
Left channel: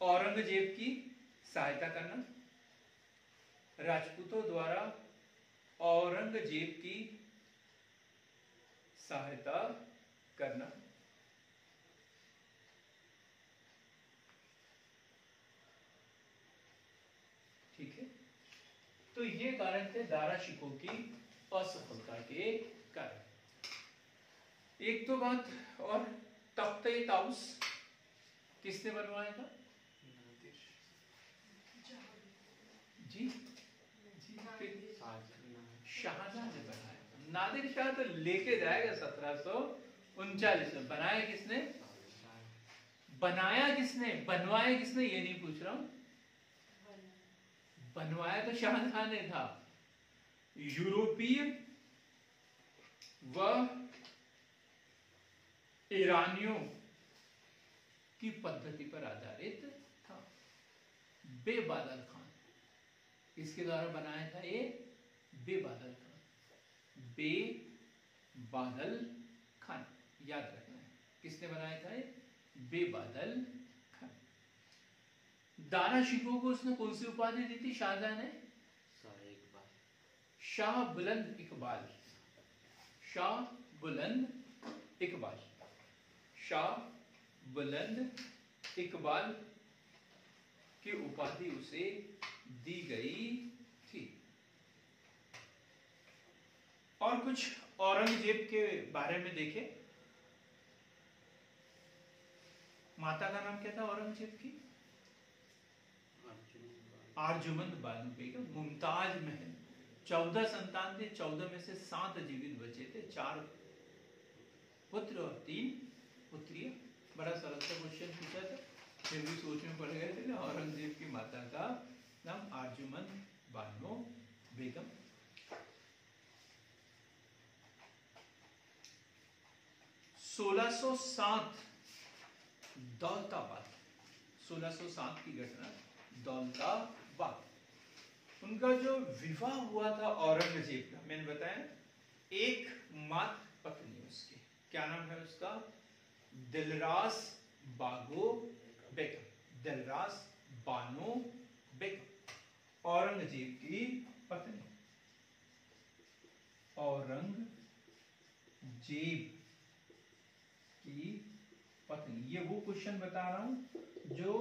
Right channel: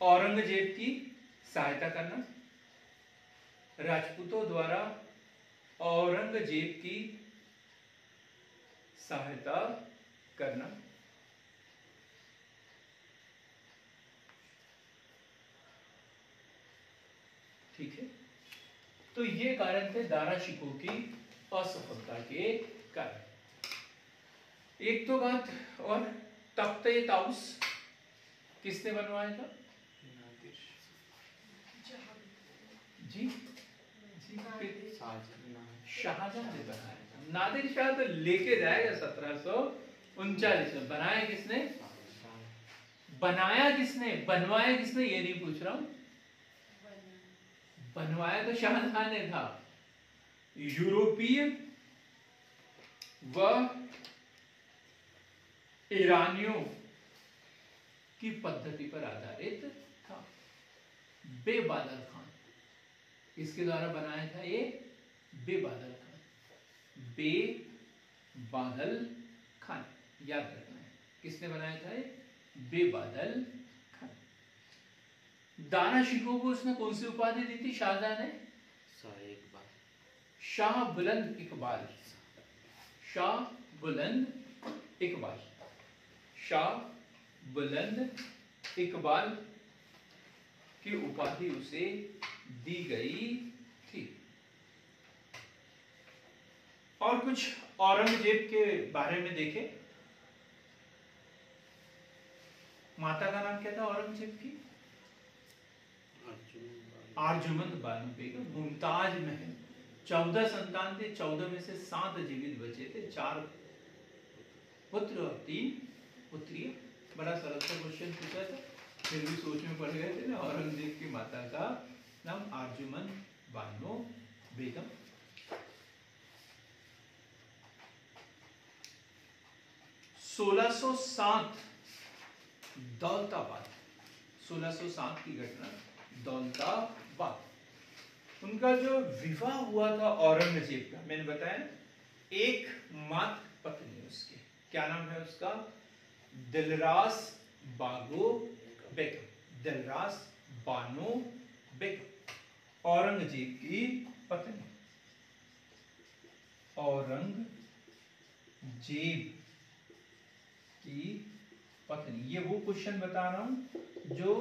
औरंगजेब की सहायता करना। राजपूतों द्वारा औरंगजेब की सहायता करना। ठीक है, तो ये कारण थे दारा शिकोह की असफलता के कारण। एक तो बात और, तख्ते ताउस किसने बनवाया था? जी, शाहजहां ने बनाया। नादिर शाह तो लेके जाएगा 1739 में। बनाया किसने? बनाया किसने? बनवाया किसने? ये नहीं पूछ रहा हूं। बनवाया तो शाहजहां ने था। यूरोपीय व ईरानियों की पद्धति पर आधारित था। बेबादर खान, किसके द्वारा बनाया था ये? बेबादल खान। बेबादल खान, याद रखना है किसने बनाया था ये? बेबादल खान। दारा शिकोह को उसने कौन सी उपाधि दी थी शाहजहां ने? शाह बुलंद इकबाल। शाह बुलंद इकबाल। शाह बुलंद इकबाल की उपाधि उसे दी गई थी। और कुछ औरंगजेब के बारे में देखें। माता का नाम क्या था औरंगजेब की? आर्जुमंद बानो बेगम। मुमताज महल। 14 संतान थे, 14 में से 7 जीवित बचे थे, 4 पुत्र और 3 पुत्रियां। बड़ा सरल सा क्वेश्चन पूछा था, फिर भी सोच में पड़ गए थे ना। औरंगजेब की माता का नाम आर्जुमंद बानो बेगम। सोलह 1607 दौलताबाद। 1607 की घटना दौलताबाद। उनका जो विवाह हुआ था औरंगजेब का, मैंने बताया ना, एक मात्र पत्नी उसकी, क्या नाम है उसका? दिलरास बागो बेगम। दिलरास बानो बेगम औरंगजेब की पत्नी। औरंगजेब की पत्नी। ये वो क्वेश्चन बता रहा हूं जो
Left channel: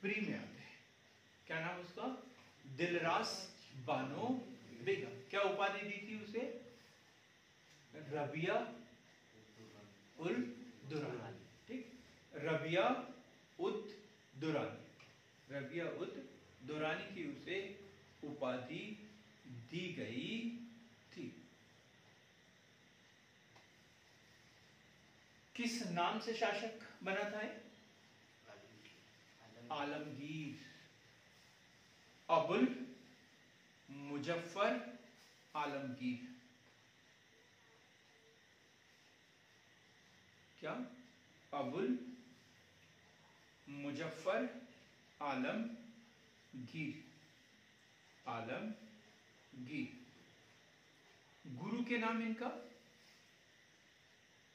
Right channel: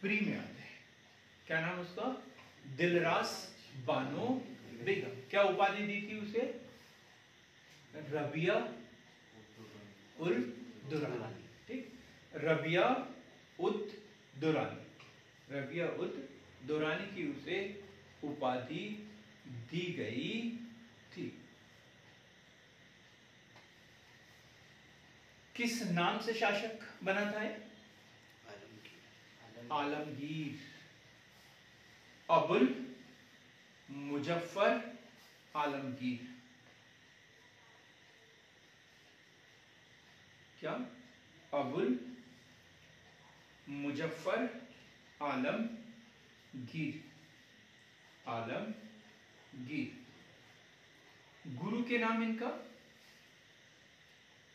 प्री में आते हैं। क्या नाम उसका? दिलरास बानो बेगम। क्या उपाधि दी थी उसे? रबिया उल दुरानी। ठीक, रबिया उद दुरानी। रबिया उद दुरानी की उसे उपाधि दी गई थी। किस नाम से शासक बना था ये? आलमगीर। अबुल मुजफ्फर आलमगीर। क्या? अबुल मुजफ्फर आलमगीर। आलमगीर। गुरु के नाम इनका?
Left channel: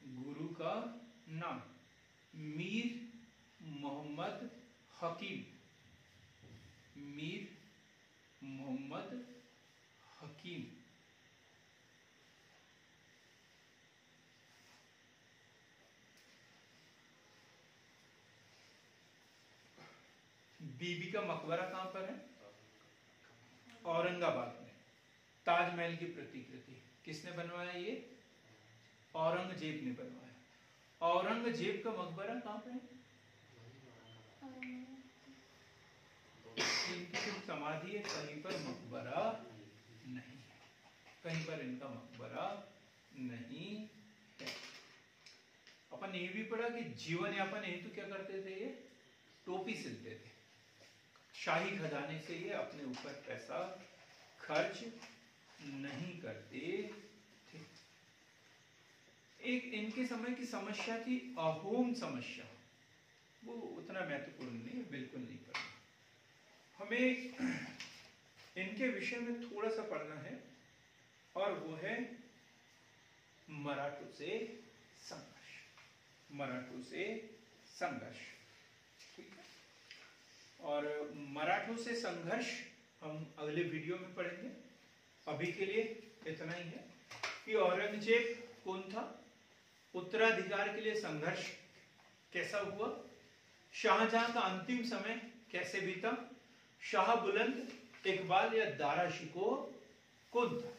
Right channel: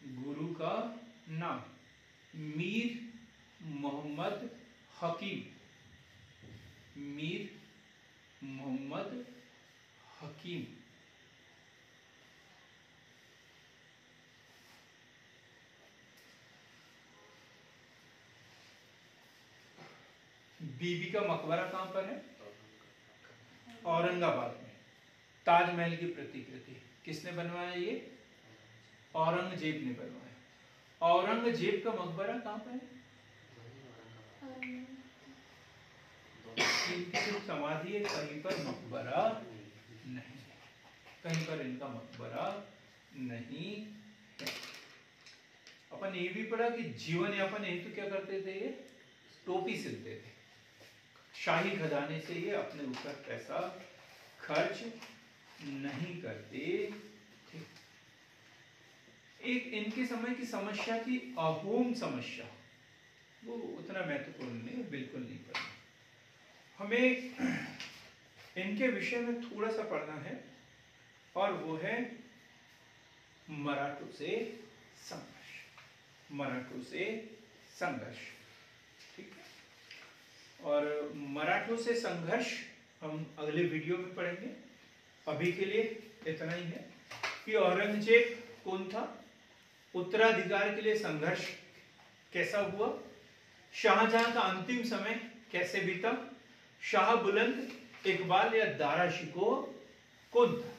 गुरु का नाम मीर मोहम्मद हकीम। मीर मोहम्मद हकीम। बीबी का मकबरा कहां पर है? औरंगाबाद में। ताजमहल की प्रतिकृति किसने बनवाया? ये औरंगजेब ने बनवाया। औरंगजेब का मकबरा कहां पर है? इनकी जो समाधि है कहीं पर मकबरा नहीं, कहीं पर इनका मकबरा नहीं है। अपन ये भी पढ़ा कि जीवन यापन हेतु क्या करते थे? ये टोपी सिलते थे। शाही खजाने से ये अपने ऊपर पैसा खर्च नहीं करते थे। एक इनके समय की समस्या थी अहोम समस्या। वो उतना महत्वपूर्ण नहीं, बिल्कुल नहीं पढ़ना। हमें इनके विषय में थोड़ा सा पढ़ना है, और वो है मराठों से संघर्ष। मराठों से संघर्ष। ठीक है, और मराठों से संघर्ष हम अगले वीडियो में पढ़ेंगे। अभी के लिए इतना ही है कि औरंगजेब कौन था, उत्तराधिकार के लिए संघर्ष कैसा हुआ, शाहजहां का अंतिम समय कैसे बीता, शाह बुलंद इकबाल या दारा शिकोह कौन था,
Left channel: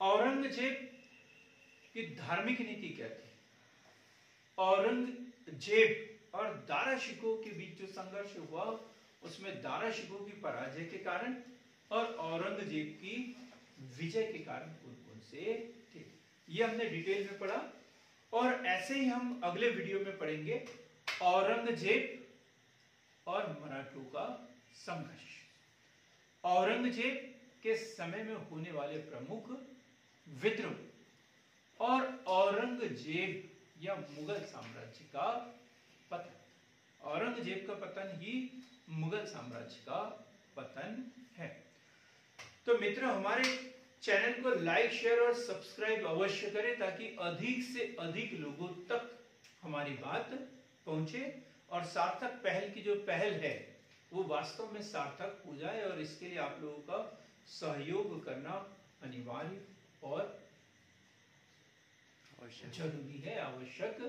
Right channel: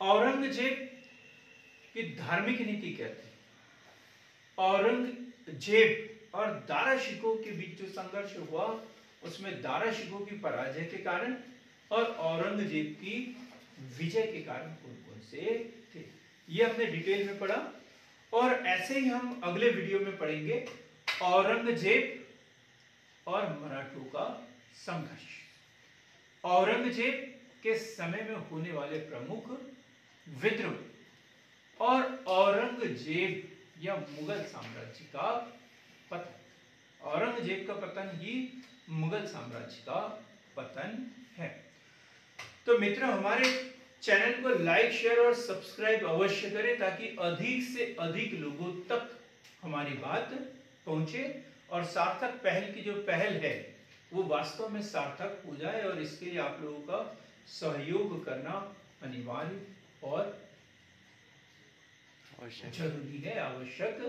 औरंगजेब की धार्मिक नीति क्या थी, औरंगजेब और दारा शिकोह के बीच जो संघर्ष हुआ उसमें दारा शिकोह की पराजय के कारण और औरंगजेब की विजय के कारण कौन कौन से थे, ये हमने डिटेल में पढ़ा। और ऐसे ही हम अगले वीडियो में पढ़ेंगे औरंगजेब और मराठों का संघर्ष, औरंगजेब के समय में होने वाले प्रमुख विद्रोह और औरंगजेब या मुगल साम्राज्य का पतन। औरंगजेब का पतन ही मुगल साम्राज्य का पतन है। तो मित्र, हमारे चैनल को लाइक, शेयर और सब्सक्राइब अवश्य करें ताकि अधिक से अधिक लोगों तक हमारी बात पहुंचे और सार्थक पहल की जो पहल है वो वास्तव में सार्थक हो जाए, और इसके लिए आप लोगों का सहयोग करना अनिवार्य और जरूरी है, आवश्यक